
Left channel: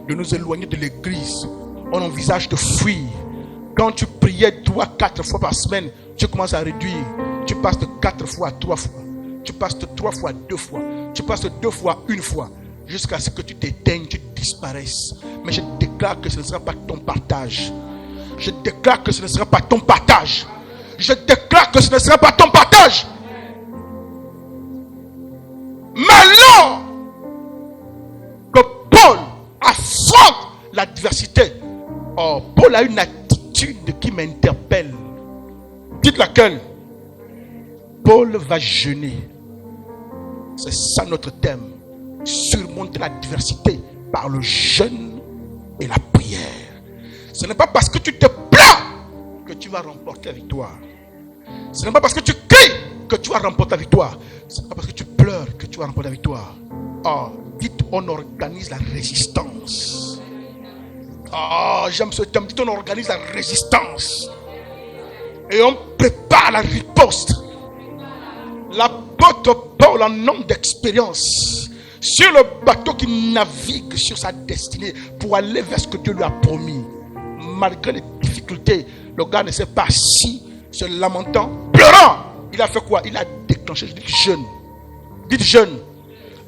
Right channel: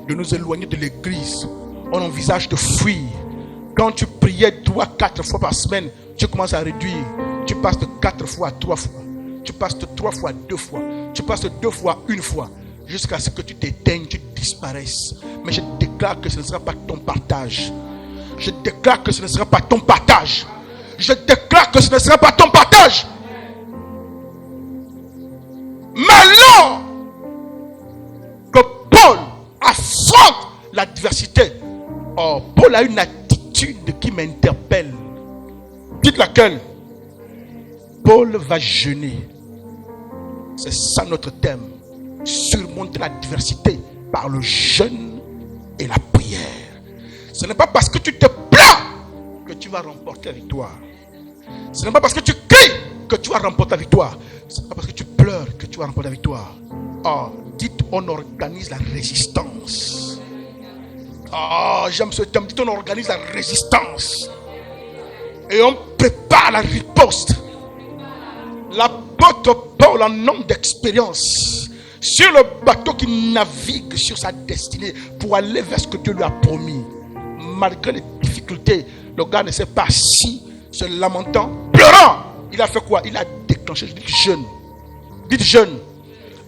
de nous éloigner de l'église. On envisage de fuir. Quand tu priais 3, 4 fois par semaine, tu commences à réduire. Tu passes de 4 fois à 3 fois. Tu passes de 3 fois à 2 fois. Tu passes de 2 fois à 1 fois. Jusqu'à ce que tu t'éteignes, tu disparaisses. Mais je déclare que ce ne sera pas ton partage. Je déclare que ce ne sera pas ton partage. Je déclare que ce ne sera pas ton partage. Malheur que Paul affronte l'adversité. Oh, Paul a une attitude qui m'interpelle. Dites laquelle? Paul va jeûner. C'est ça notre thème. Surmonter l'adversité par le jeûne et la prière. Ce n'est pas parce que tu te plains que tu vas remporter la victoire. Ce n'est pas parce que tu cries que tu vas remporter la victoire. Ce n'est pas parce que tu pleures que tu vas remporter la victoire. Oh, dites, on organise la résistance. Oh, j'aime ce terme. Dites, on organise la résistance. Et on prépare la riposte. L'apôtre Paul, en homme d'expérience, sur le bateau qui navigue sur sa destinée pour aller vers ce que Dieu lui a promis. Malgré les difficultés, le gars ne s'est pas assis, se lamentant, pleurant. Il a fait quoi? Il a déclenché, je dis jeûne. Dites jeûne.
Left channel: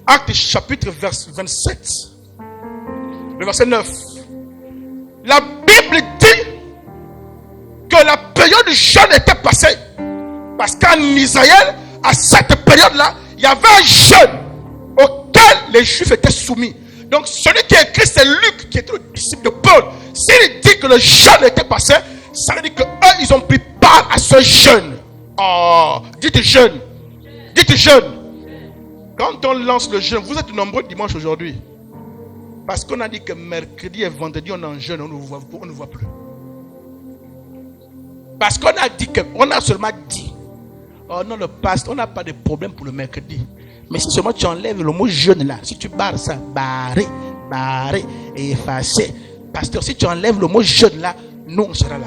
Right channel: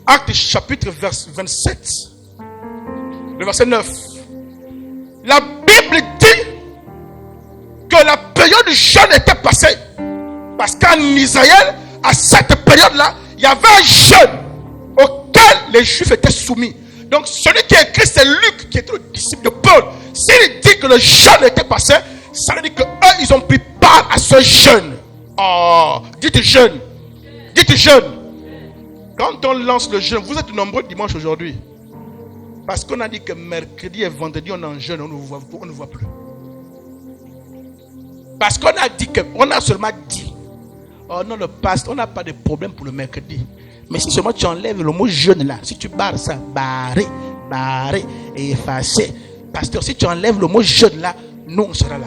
Acte chapitre 27, le verset 9. La Bible dit que la période du jeûne était passée. Parce qu'en Israël, à cette période-là, il y avait un jeûne auquel les Juifs étaient soumis. Donc celui qui a écrit, c'est Luc, qui était le disciple de Paul. S'il dit que le jeûne était passé, ça veut dire qu'eux, ils ont pris part à ce jeûne. Oh, dites jeûne. Dites jeûne. Quand on lance le jeûne, vous êtes nombreux dimanche aujourd'hui. Parce qu'on a dit que mercredi et vendredi, on est en jeûne, on ne voit plus. Parce qu'on a dit que, on a seulement dit, oh non, le pasteur, on n'a pas de problème pour le mercredi. Mais si seulement tu enlèves le mot jeûne là, si tu barres ça, barrer et effacer. Pasteur, si tu enlèves le mot jeûne là, nous on sera là.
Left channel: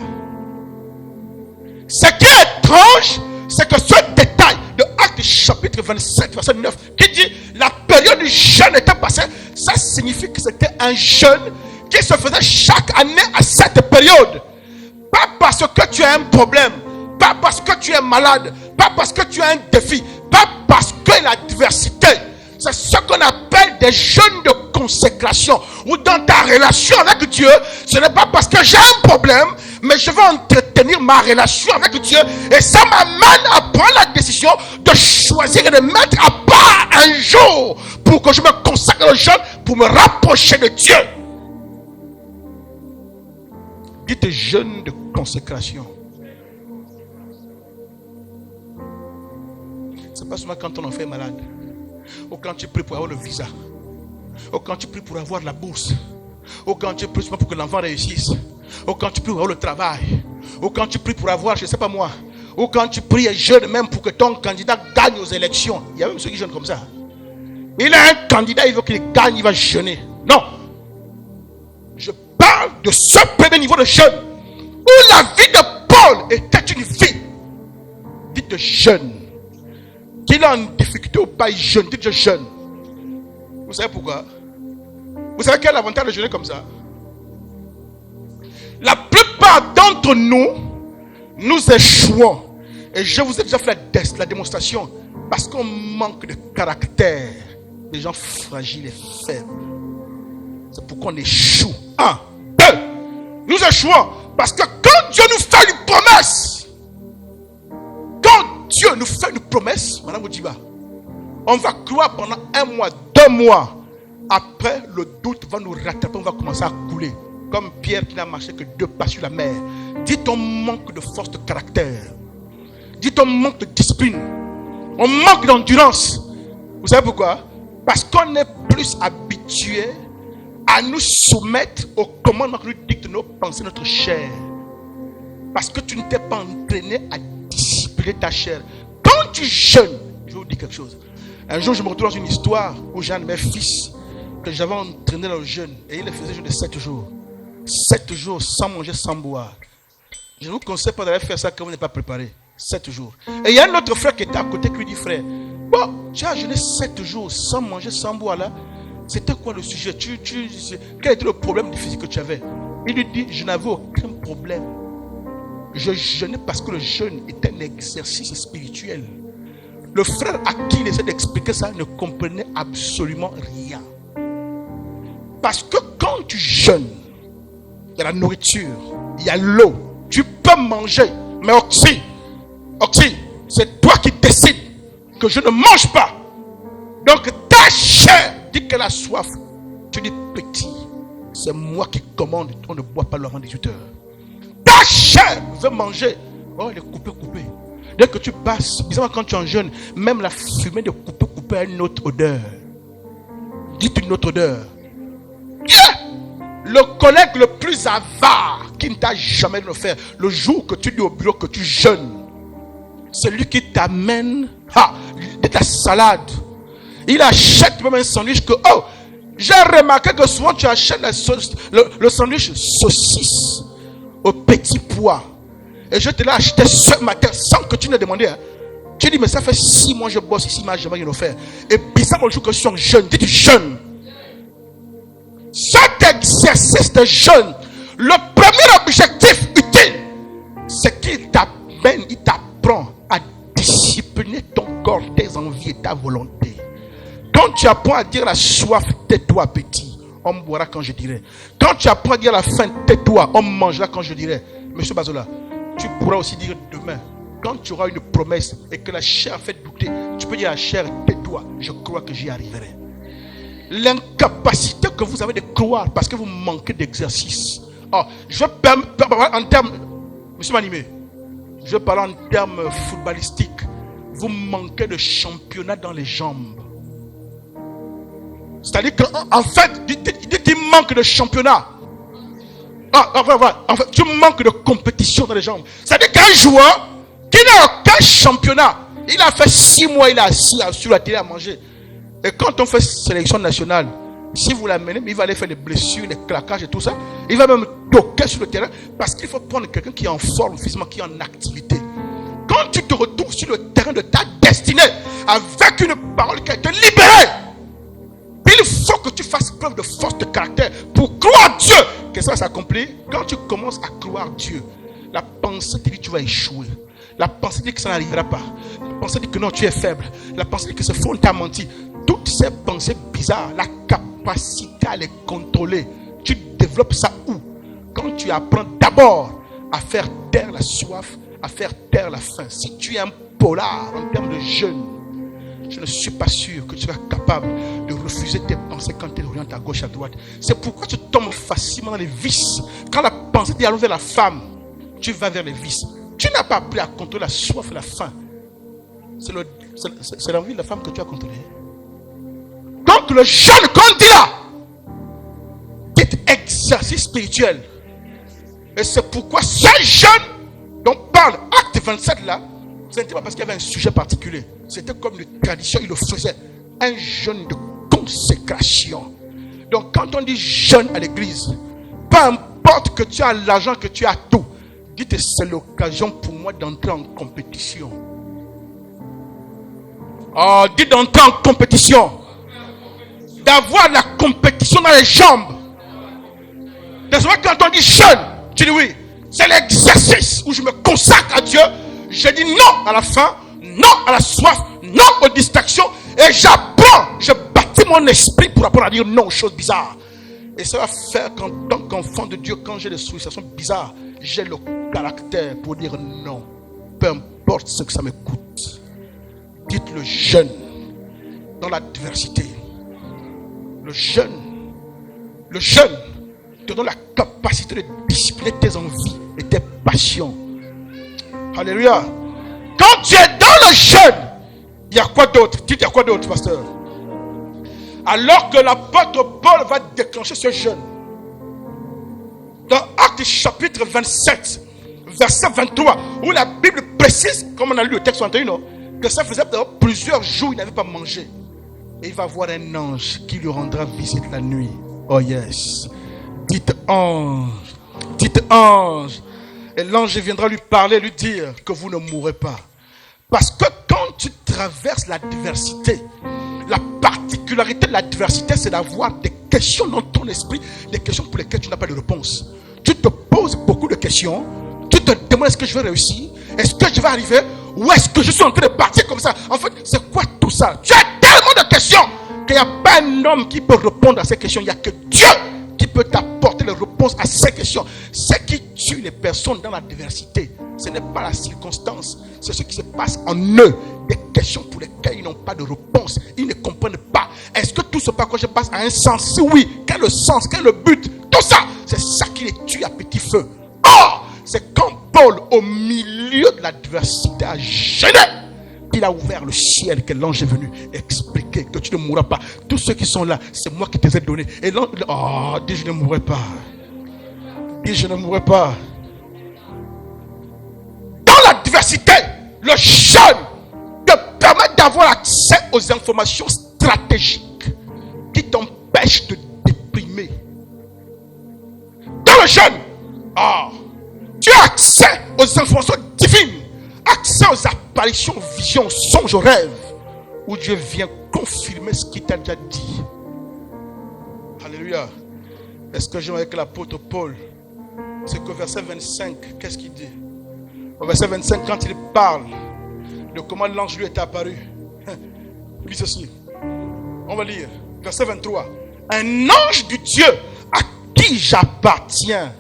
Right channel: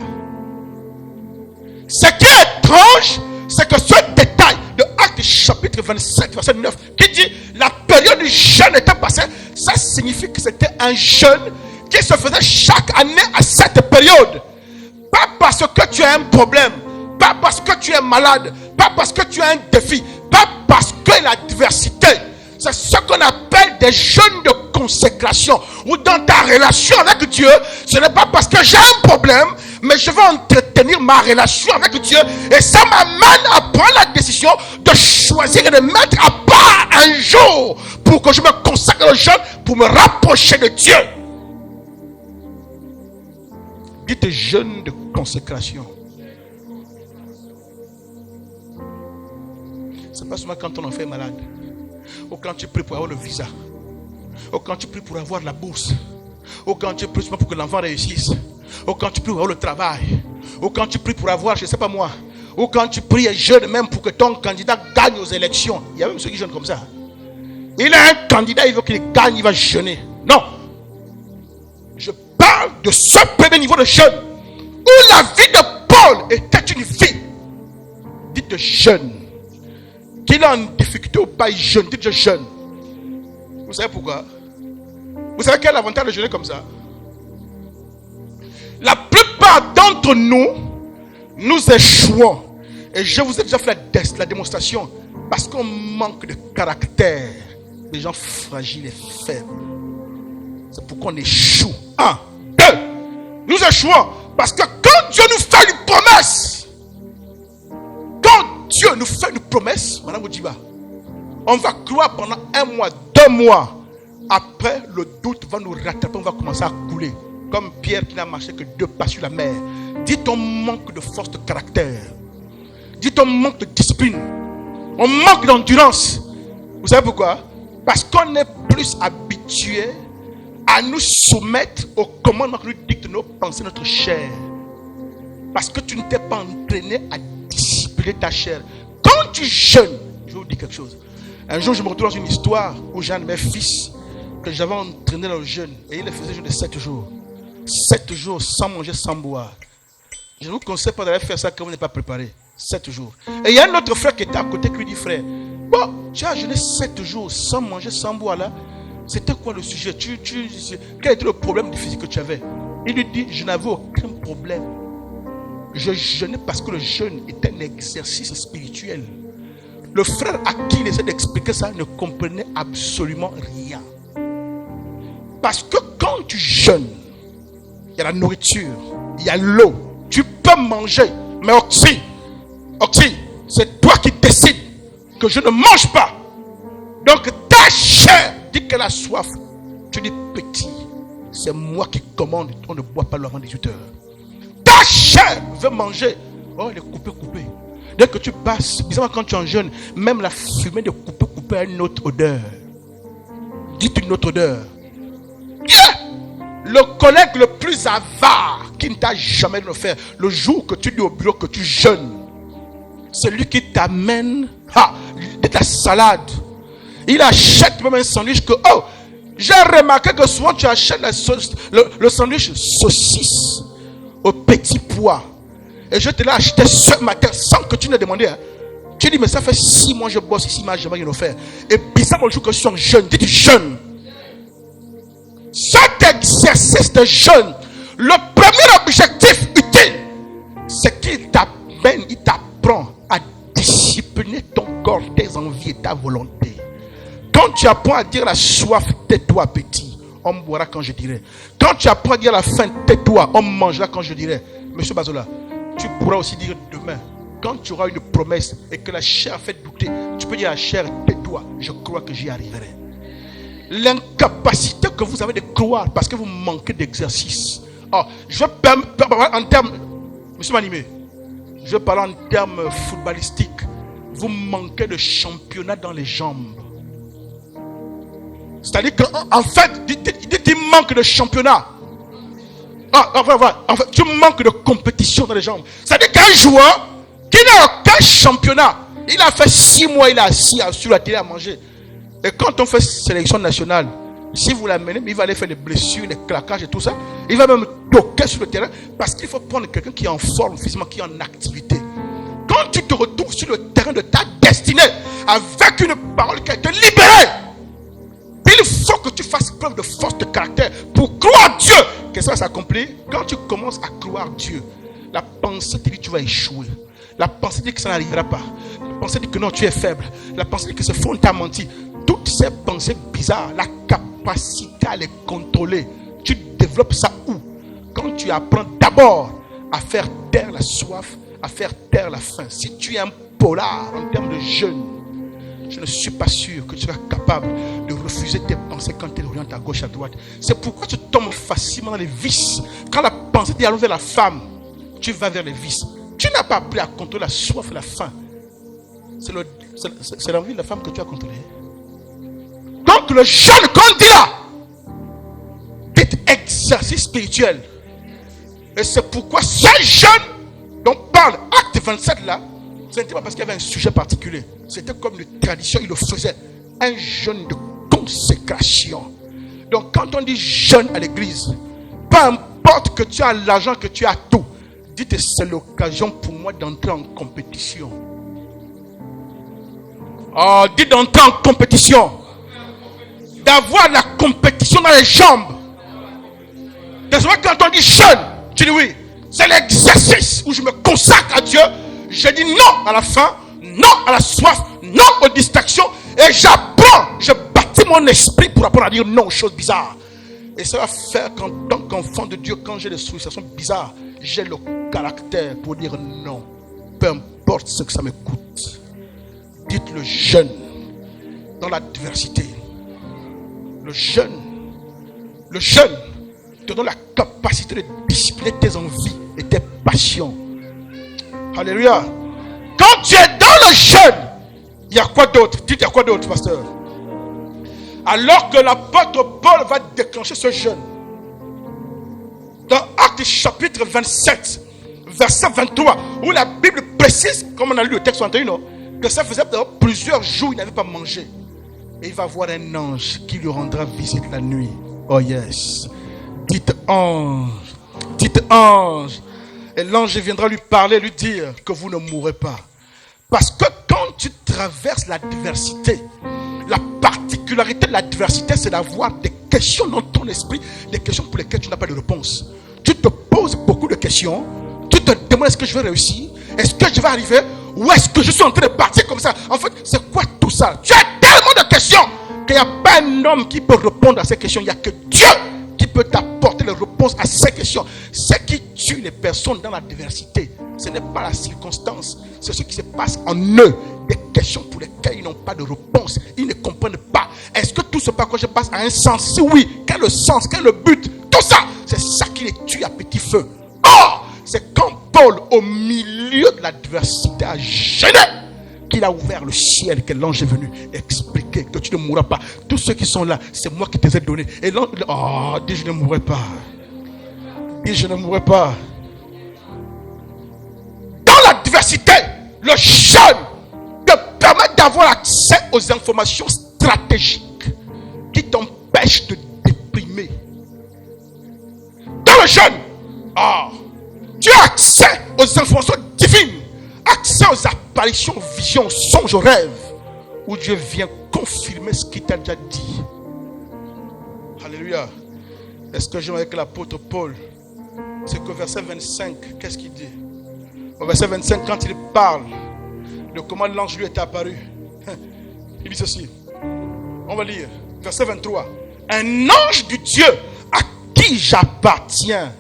Ce qui est étrange, c'est que ce détail de Acte chapitre 27, verset 9, qui dit la période du jeûne était passée, ça signifie que c'était un jeûne qui se faisait chaque année à cette période. Pas parce que tu as un problème, pas parce que tu es malade, pas parce que tu as un défi, pas parce que l'adversité. C'est ce qu'on appelle des jeûnes de consécration. Ou dans ta relation avec Dieu, ce n'est pas parce que j'ai un problème, mais je veux entretenir ma relation avec Dieu. Et ça m'amène à prendre la décision de choisir et de mettre à part un jour pour que je me consacre au jeûne, pour me rapprocher de Dieu. Dites jeûne de consécration. C'est pas seulement quand ton enfant est malade, ou quand tu pries pour avoir le visa, ou quand tu pries pour avoir la bourse, ou quand tu pries pour que l'enfant réussisse, ou quand tu pries pour avoir le travail, ou quand tu pries pour avoir, je ne sais pas moi, ou quand tu pries et jeûnes même pour que ton candidat gagne aux élections. Il y a même ceux qui jeûnent comme ça. Il a un candidat, il veut qu'il gagne, il va jeûner. Non. Je parle de ce premier niveau de jeûne où la vie de Paul était une vie dite de jeûne. Qu'il est en difficulté ou pas, il jeûne. Dites je jeûne. Vous savez pourquoi? Vous savez quel est l'avantage de jeûner comme ça? La plupart d'entre nous, nous échouons. Et je vous ai déjà fait la démonstration. Parce qu'on manque de caractère. Des gens fragiles et faibles. C'est pourquoi on échoue. 1, 2. Nous échouons. Parce que quand Dieu nous fait une promesse, Dieu nous fait une promesse, Madame Oudiba, on va croire pendant 1 mois, 2 mois. Après, le doute va nous rattraper, on va commencer à couler. Comme Pierre qui n'a marché que 2 pas sur la mer. Dit on manque de force de caractère. Dit on manque de discipline. On manque d'endurance. Vous savez pourquoi? Parce qu'on est plus habitué à nous soumettre au commandement que nous dictent nos pensées, notre chair. Parce que tu ne t'es pas entraîné à discipliner ta chair. Quand tu jeûnes, je vais vous dire quelque chose. Un jour, je me retrouve dans une histoire où j'ai un de mes fils que j'avais entraîné dans le jeûne. Et il le faisait jeûne de 7 jours. 7 jours sans manger, sans boire. Je ne vous conseille pas d'aller faire ça quand vous n'êtes pas préparé. 7 jours. Et il y a un autre frère qui était à côté qui lui dit, frère, bon, tu as jeûné 7 jours sans manger, sans boire là. C'était quoi le sujet? Quel était le problème physique que tu avais? Il lui dit, je n'avais aucun problème. Je jeûnais parce que le jeûne est un exercice spirituel. Le frère à qui il essaie d'expliquer ça ne comprenait absolument rien. Parce que quand tu jeûnes, il y a la nourriture, il y a l'eau. Tu peux manger, mais Oxy, c'est toi qui décides que je ne mange pas. Donc ta chair dit qu'elle a soif. Tu dis petit, c'est moi qui commande, on ne boit pas l'eau avant 18 heures. Ta chair veut manger. Oh, elle est coupée. Dès que tu passes, bizarrement quand tu es en jeûne, même la fumée de coupée a une autre odeur. Dites une autre odeur. Le collègue le plus avare qui ne t'a jamais le faire, le jour que tu dis au bureau que tu jeûnes, c'est lui qui t'amène de ta salade. Il achète même un sandwich que, oh, j'ai remarqué que souvent tu achètes le sandwich saucisse au petit pois. Et je te l'ai acheté ce matin sans que tu ne demandé. Hein. Tu dis, mais ça fait 6 mois que je bosse ici, mais je n'ai rien offert. Et bizarrement, le jour que je suis en jeûne, dis du jeûne. Chaque exercice de jeûne, le premier objectif utile, c'est qu'il t'amène, il t'apprend à discipliner ton corps, tes envies et ta volonté. Quand tu apprends à dire la soif, tais-toi petit, on boira quand je dirai. Quand tu apprends à dire la faim, tais-toi, on mangera quand je dirai. Monsieur Bazola, tu pourras aussi dire demain, quand tu auras une promesse et que la chair fait douter, tu peux dire à la chair, tais-toi, je crois que j'y arriverai. L'incapacité que vous avez de croire parce que vous manquez d'exercice. Oh, je parle en termes, monsieur Manimé, je parle en termes footballistiques. Vous manquez de championnat dans les jambes. C'est-à-dire qu'en fait, il manque de championnat. En fait, tu manques de compétition dans les jambes. C'est-à-dire qu'un joueur qui n'a aucun championnat, il a fait 6 mois, il est assis sur la télé à manger. Et quand on fait sélection nationale, si vous l'amenez, il va aller faire les blessures, les claquages et tout ça. Il va même toquer sur le terrain parce qu'il faut prendre quelqu'un qui est en forme physiquement, qui est en activité. Quand tu te retrouves sur le terrain de ta destinée avec une parole qui a été libérée, il faut que tu fasses preuve de force de caractère pour croire Dieu que ça va s'accomplir. Quand tu commences à croire Dieu, la pensée te dit que tu vas échouer. La pensée dit que ça n'arrivera pas. La pensée dit que non, tu es faible. La pensée dit que ce fond t'a menti. Toutes ces pensées bizarres, la capacité à les contrôler, tu développes ça où? Quand tu apprends d'abord à faire taire la soif, à faire taire la faim. Si tu es un polar en termes de jeûne, je ne suis pas sûr que tu seras capable de refuser tes pensées quand tu orientes à gauche, à droite. C'est pourquoi tu tombes facilement dans les vices. Quand la pensée dit allons vers la femme, tu vas vers les vices. Tu n'as pas appris à contrôler la soif et la faim. C'est l'envie de la femme que tu as contrôlée. Donc le jeûne, quand il dit là, dit exercice spirituel. Et c'est pourquoi ce jeûne dont parle Acte 27 là, ce n'était pas parce qu'il y avait un sujet particulier. C'était comme une tradition, il le faisait. Un jeûne de consécration. Donc quand on dit jeûne à l'église, peu importe que tu as l'argent, que tu as tout, dites c'est l'occasion pour moi d'entrer en compétition. Oh, dites d'entrer en compétition. D'avoir la compétition dans les jambes. Désormais quand on dit jeûne, tu dis oui. C'est l'exercice où je me consacre à Dieu. Je dis non à la faim, non à la soif, non aux distractions. Et j'apprends, je bâtis mon esprit pour apprendre à dire non aux choses bizarres. Et ça va faire qu'en tant qu'enfant de Dieu, quand j'ai des sollicitations bizarres, j'ai le caractère pour dire non. Peu importe ce que ça me coûte. Dites le jeûne dans l'adversité. Le jeûne te donne la capacité de discipliner tes envies et tes passions. Alléluia. Quand tu es dans le jeûne, il y a quoi d'autre? Dites, il y a quoi d'autre, pasteur? Alors que l'apôtre Paul va déclencher ce jeûne, dans Actes chapitre 27, verset 23, où la Bible précise, comme on a lu le texte 21, que ça faisait plusieurs jours il n'avait pas mangé. Et il va voir un ange qui lui rendra visite la nuit. Oh yes. Dites ange. Dites ange. Et l'ange viendra lui parler, lui dire que vous ne mourrez pas. Parce que quand tu traverses l'adversité, la particularité de l'adversité, c'est d'avoir des questions dans ton esprit, des questions pour lesquelles tu n'as pas de réponse. Tu te poses beaucoup de questions. Tu te demandes est-ce que je vais réussir? Est-ce que je vais arriver? Ou est-ce que je suis en train de partir comme ça? En fait, c'est quoi tout ça? Tu as tellement de questions qu'il n'y a pas un homme qui peut répondre à ces questions. Il n'y a que Dieu qui peut t'apporter les réponses à ces questions. Ce qui tue les personnes dans l'adversité, ce n'est pas la circonstance, c'est ce qui se passe en eux. Des questions pour lesquelles ils n'ont pas de réponse. Ils ne comprennent pas. Est-ce que tout ce par quoi je passe a un sens? Si oui, quel est le sens? Quel est le but? Tout ça, c'est ça qui les tue à petit feu. Or, c'est quand Paul, au milieu de l'adversité, a gêné, qu'il a ouvert le ciel, que l'ange est venu expliquer que tu ne mourras pas. Tous ceux qui sont là, c'est moi qui te les ai donnés. Et l'ange, dis je ne mourrai pas. Dis je ne mourrai pas. Dans l'adversité, le jeûne te permet d'avoir accès aux informations stratégiques qui t'empêchent de déprimer. Dans le jeûne, tu as accès aux informations divines, accès aux apparitions vision, songe ou rêve, où Dieu vient confirmer ce qu'il t'a déjà dit. Alléluia. Est-ce que j'aime avec l'apôtre Paul? C'est qu'au verset 25, qu'est-ce qu'il dit? Au verset 25, quand il parle de comment l'ange lui est apparu, il dit ceci. On va lire. Verset 23. Un ange du Dieu à qui j'appartiens,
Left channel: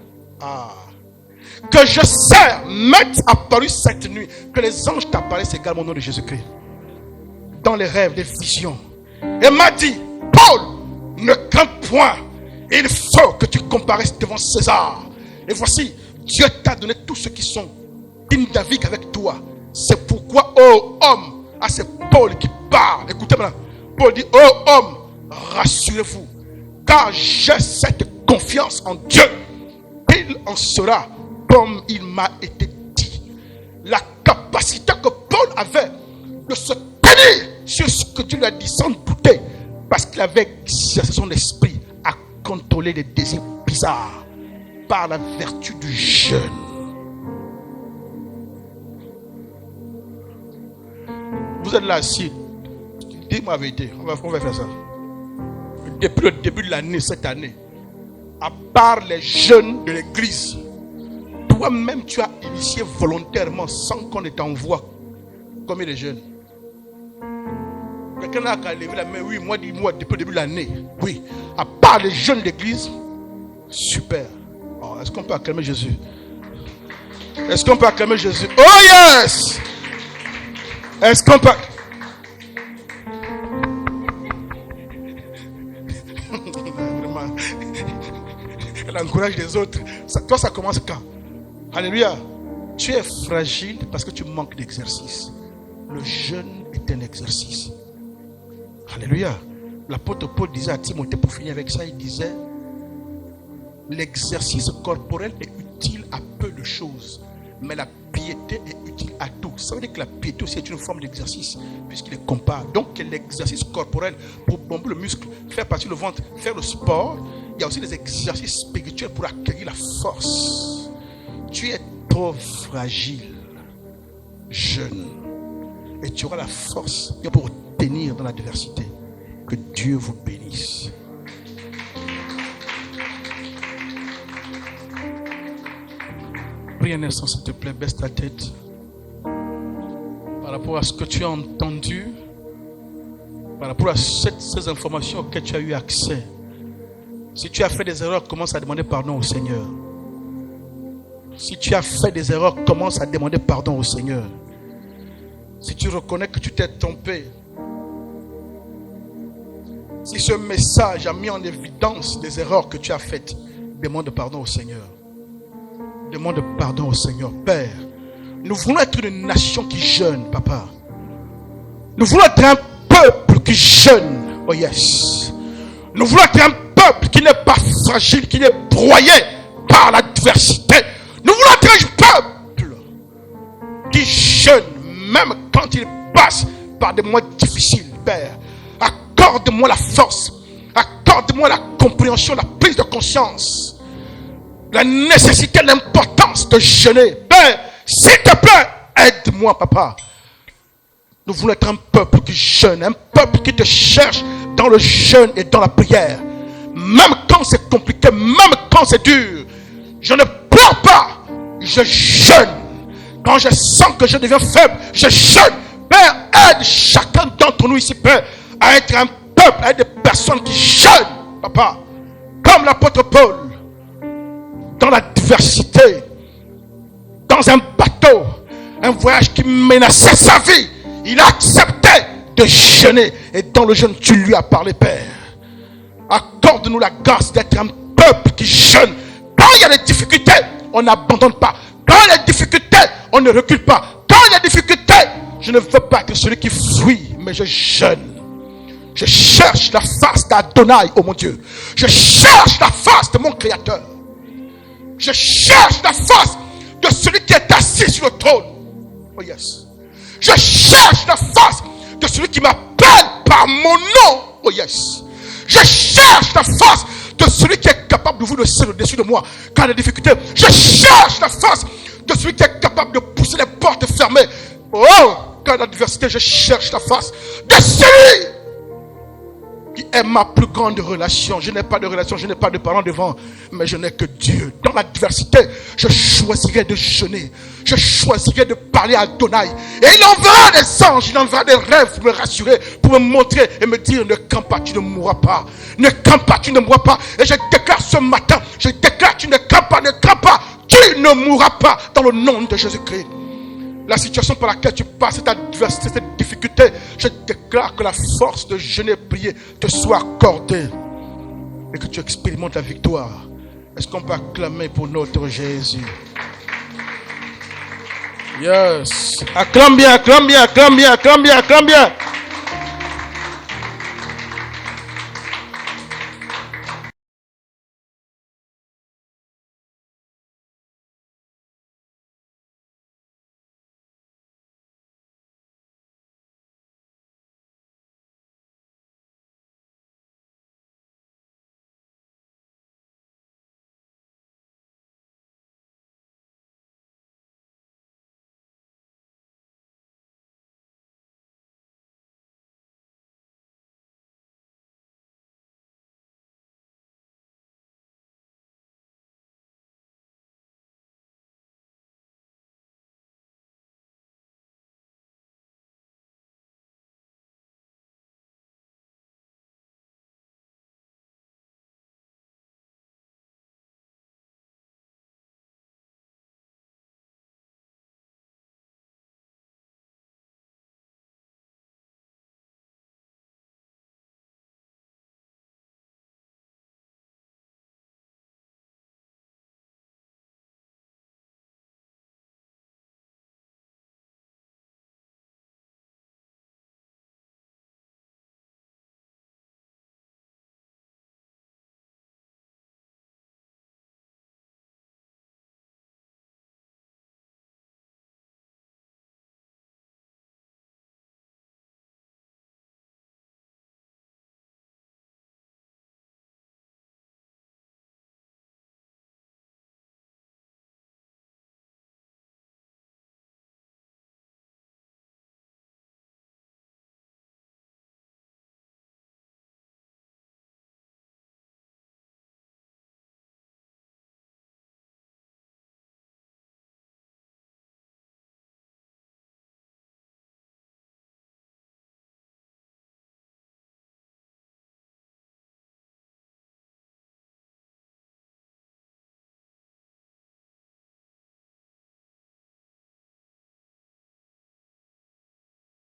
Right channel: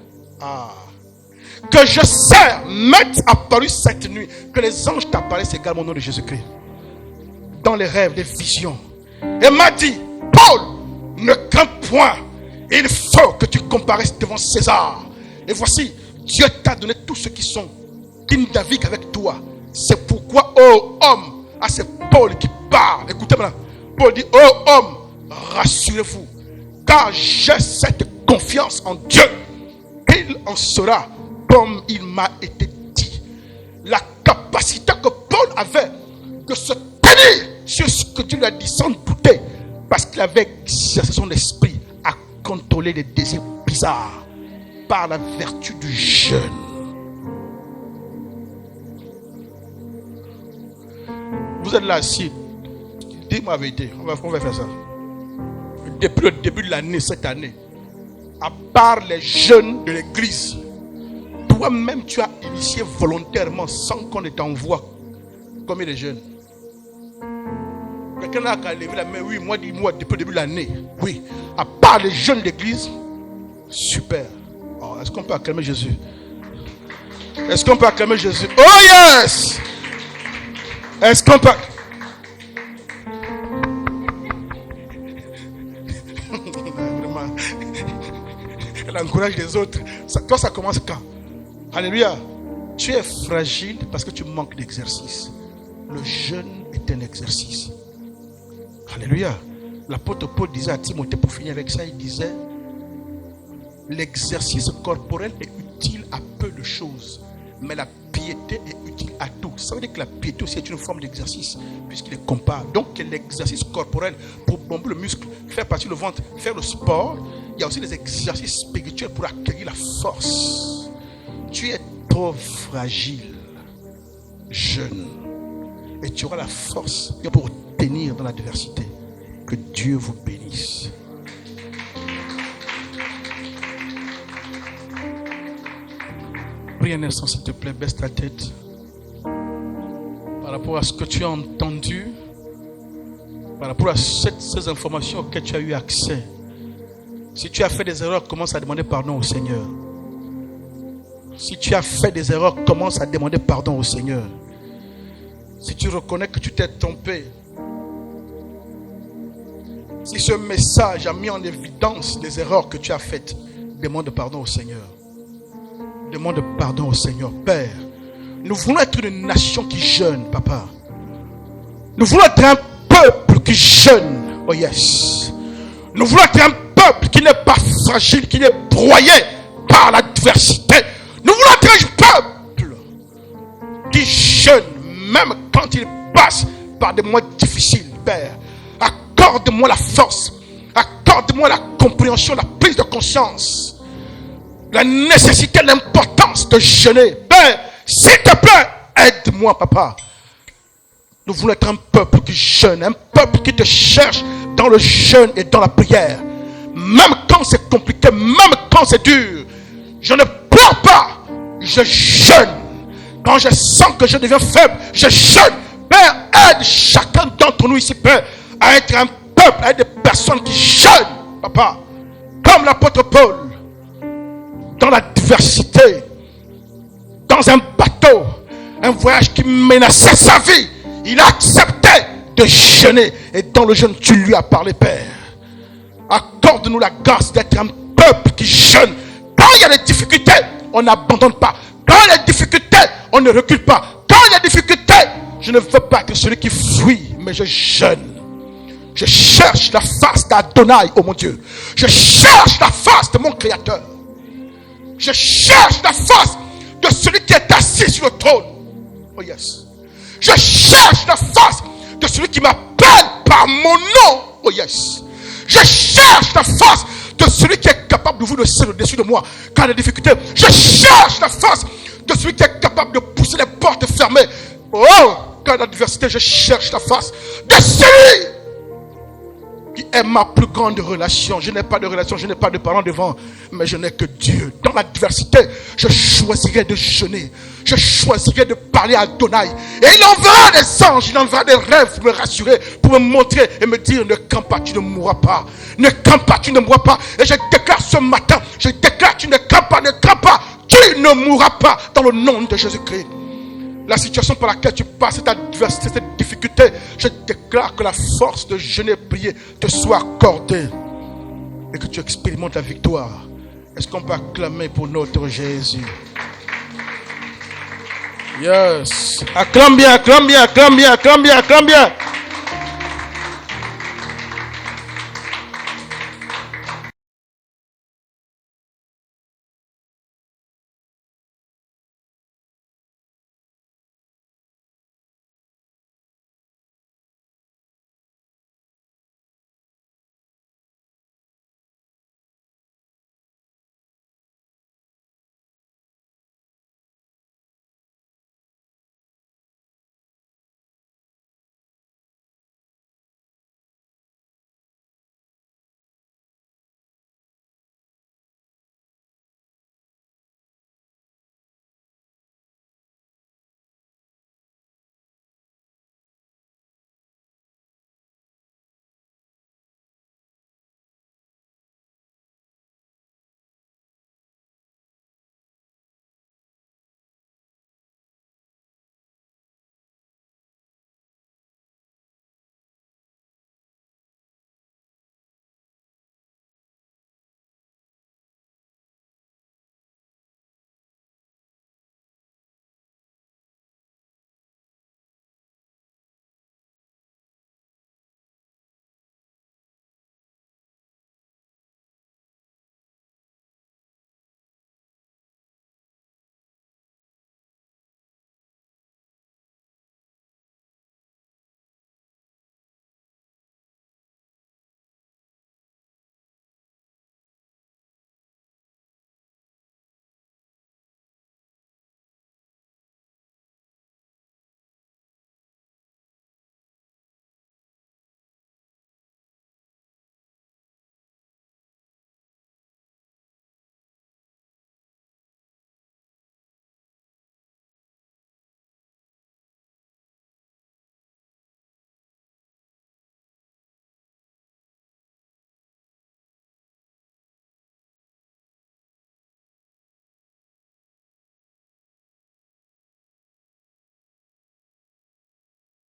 que je sers, m'est apparu cette nuit. Que les anges t'apparaissent également au nom de Jésus-Christ. Dans les rêves, les visions. Et m'a dit, Paul, ne crains point. Il faut que tu comparaisses devant César. Et voici, Dieu t'a donné tous ceux qui naviguent avec toi. C'est pourquoi, ô homme, c'est Paul qui parle. Écoutez maintenant. Paul dit, ô homme, rassurez-vous, car j'ai cette confiance en Dieu. Il en sera comme il m'a été dit. La capacité que Paul avait de se tenir sur ce que Dieu lui a dit sans douter, parce qu'il avait exercé son esprit à contrôler les désirs bizarres par la vertu du jeûne. Vous êtes là assis. Dis-moi la vérité. On va faire ça. Depuis le début de l'année, cette année, à part les jeunes de l'église, toi-même tu as initié volontairement sans qu'on ne t'envoie combien de jeunes? Quelqu'un a levé la main. Oui, moi, dis-moi depuis le début de l'année. Oui, à part les jeunes de l'église, super. Oh, est-ce qu'on peut acclamer Jésus? Est-ce qu'on peut acclamer Jésus? Oh yes! Est-ce qu'on peut... Vraiment. Elle encourage les autres. Toi, ça commence quand? Alléluia. Tu es fragile parce que tu manques d'exercice. Le jeûne est un exercice. Alléluia. L'apôtre Paul disait à Timothée, pour finir avec ça, il disait, l'exercice corporel est utile à peu de choses, mais la piété est utile à tout. Ça veut dire que la piété aussi est une forme d'exercice, puisqu'il est compare. Donc l'exercice corporel pour bomber le muscle, faire partir le ventre, faire le sport, il y a aussi des exercices spirituels pour accueillir la force. Tu es trop fragile, jeune, et tu auras la force pour tenir dans l'adversité. Que Dieu vous bénisse. Prie un instant, s'il te plaît, baisse ta tête. Par rapport à ce que tu as entendu, par rapport à ces informations auxquelles tu as eu accès. Si tu as fait des erreurs, commence à demander pardon au Seigneur. Si tu as fait des erreurs, commence à demander pardon au Seigneur. Si tu reconnais que tu t'es trompé, si ce message a mis en évidence des erreurs que tu as faites, demande pardon au Seigneur. Demande pardon au Seigneur. Père, nous voulons être une nation qui jeûne, papa. Nous voulons être un peuple qui jeûne. Oh yes. Nous voulons être un peuple qui n'est pas fragile, qui n'est broyé par l'adversité. Nous voulons être un peuple qui jeûne, même quand il passe par des mois difficiles, Père. Accorde-moi la force, accorde-moi la compréhension, la prise de conscience, la nécessité, l'importance de jeûner. Père, s'il te plaît, aide-moi, papa. Nous voulons être un peuple qui jeûne, un peuple qui te cherche dans le jeûne et dans la prière. Même quand c'est compliqué, même quand c'est dur, je ne pleure pas, je jeûne. Quand je sens que je deviens faible, je jeûne. Père, aide chacun d'entre nous ici, Père, à être un peuple, à être des personnes qui jeûnent, papa. Comme l'apôtre Paul, dans l'adversité, dans un bateau, un voyage qui menaçait sa vie, il a accepté de jeûner. Et dans le jeûne, tu lui as parlé, Père. Accorde-nous la grâce d'être un peuple qui jeûne. Quand il y a des difficultés, on n'abandonne pas. Quand il y a des difficultés, on ne recule pas. Quand il y a des difficultés, je ne veux pas être celui qui fuit, mais je jeûne. Je cherche la face d'Adonai, oh mon Dieu. Je cherche la face de mon Créateur. Je cherche la face de celui qui est assis sur le trône. Oh yes. Je cherche la face de celui qui m'appelle par mon nom. Oh yes. Je cherche la face de celui qui est capable d'ouvrir le ciel au-dessus de moi quand il y a des difficultés. Je cherche la face de celui qui est capable de pousser les portes fermées Oh, quand l'adversité, je cherche la face de celui qui est ma plus grande relation. Je n'ai pas de relation, je n'ai pas de parents devant, mais je n'ai que Dieu. Dans l'adversité, je choisirai de jeûner. Je choisirai de parler à Adonai. Et il enverra des anges, il enverra des rêves pour me rassurer, pour me montrer et me dire, ne campe pas, tu ne mourras pas. Ne campe pas, tu ne mourras pas. Et je déclare ce matin, je déclare, tu ne campes pas, tu ne mourras pas dans le nom de Jésus-Christ. La situation par laquelle tu passes, cette adversité, cette difficulté, je déclare que la force de jeûner et prier te soit accordée et que tu expérimentes la victoire. Est-ce qu'on peut acclamer pour notre Jésus? Yes. Acclame bien, acclame bien, acclame bien, acclame bien, acclame bien.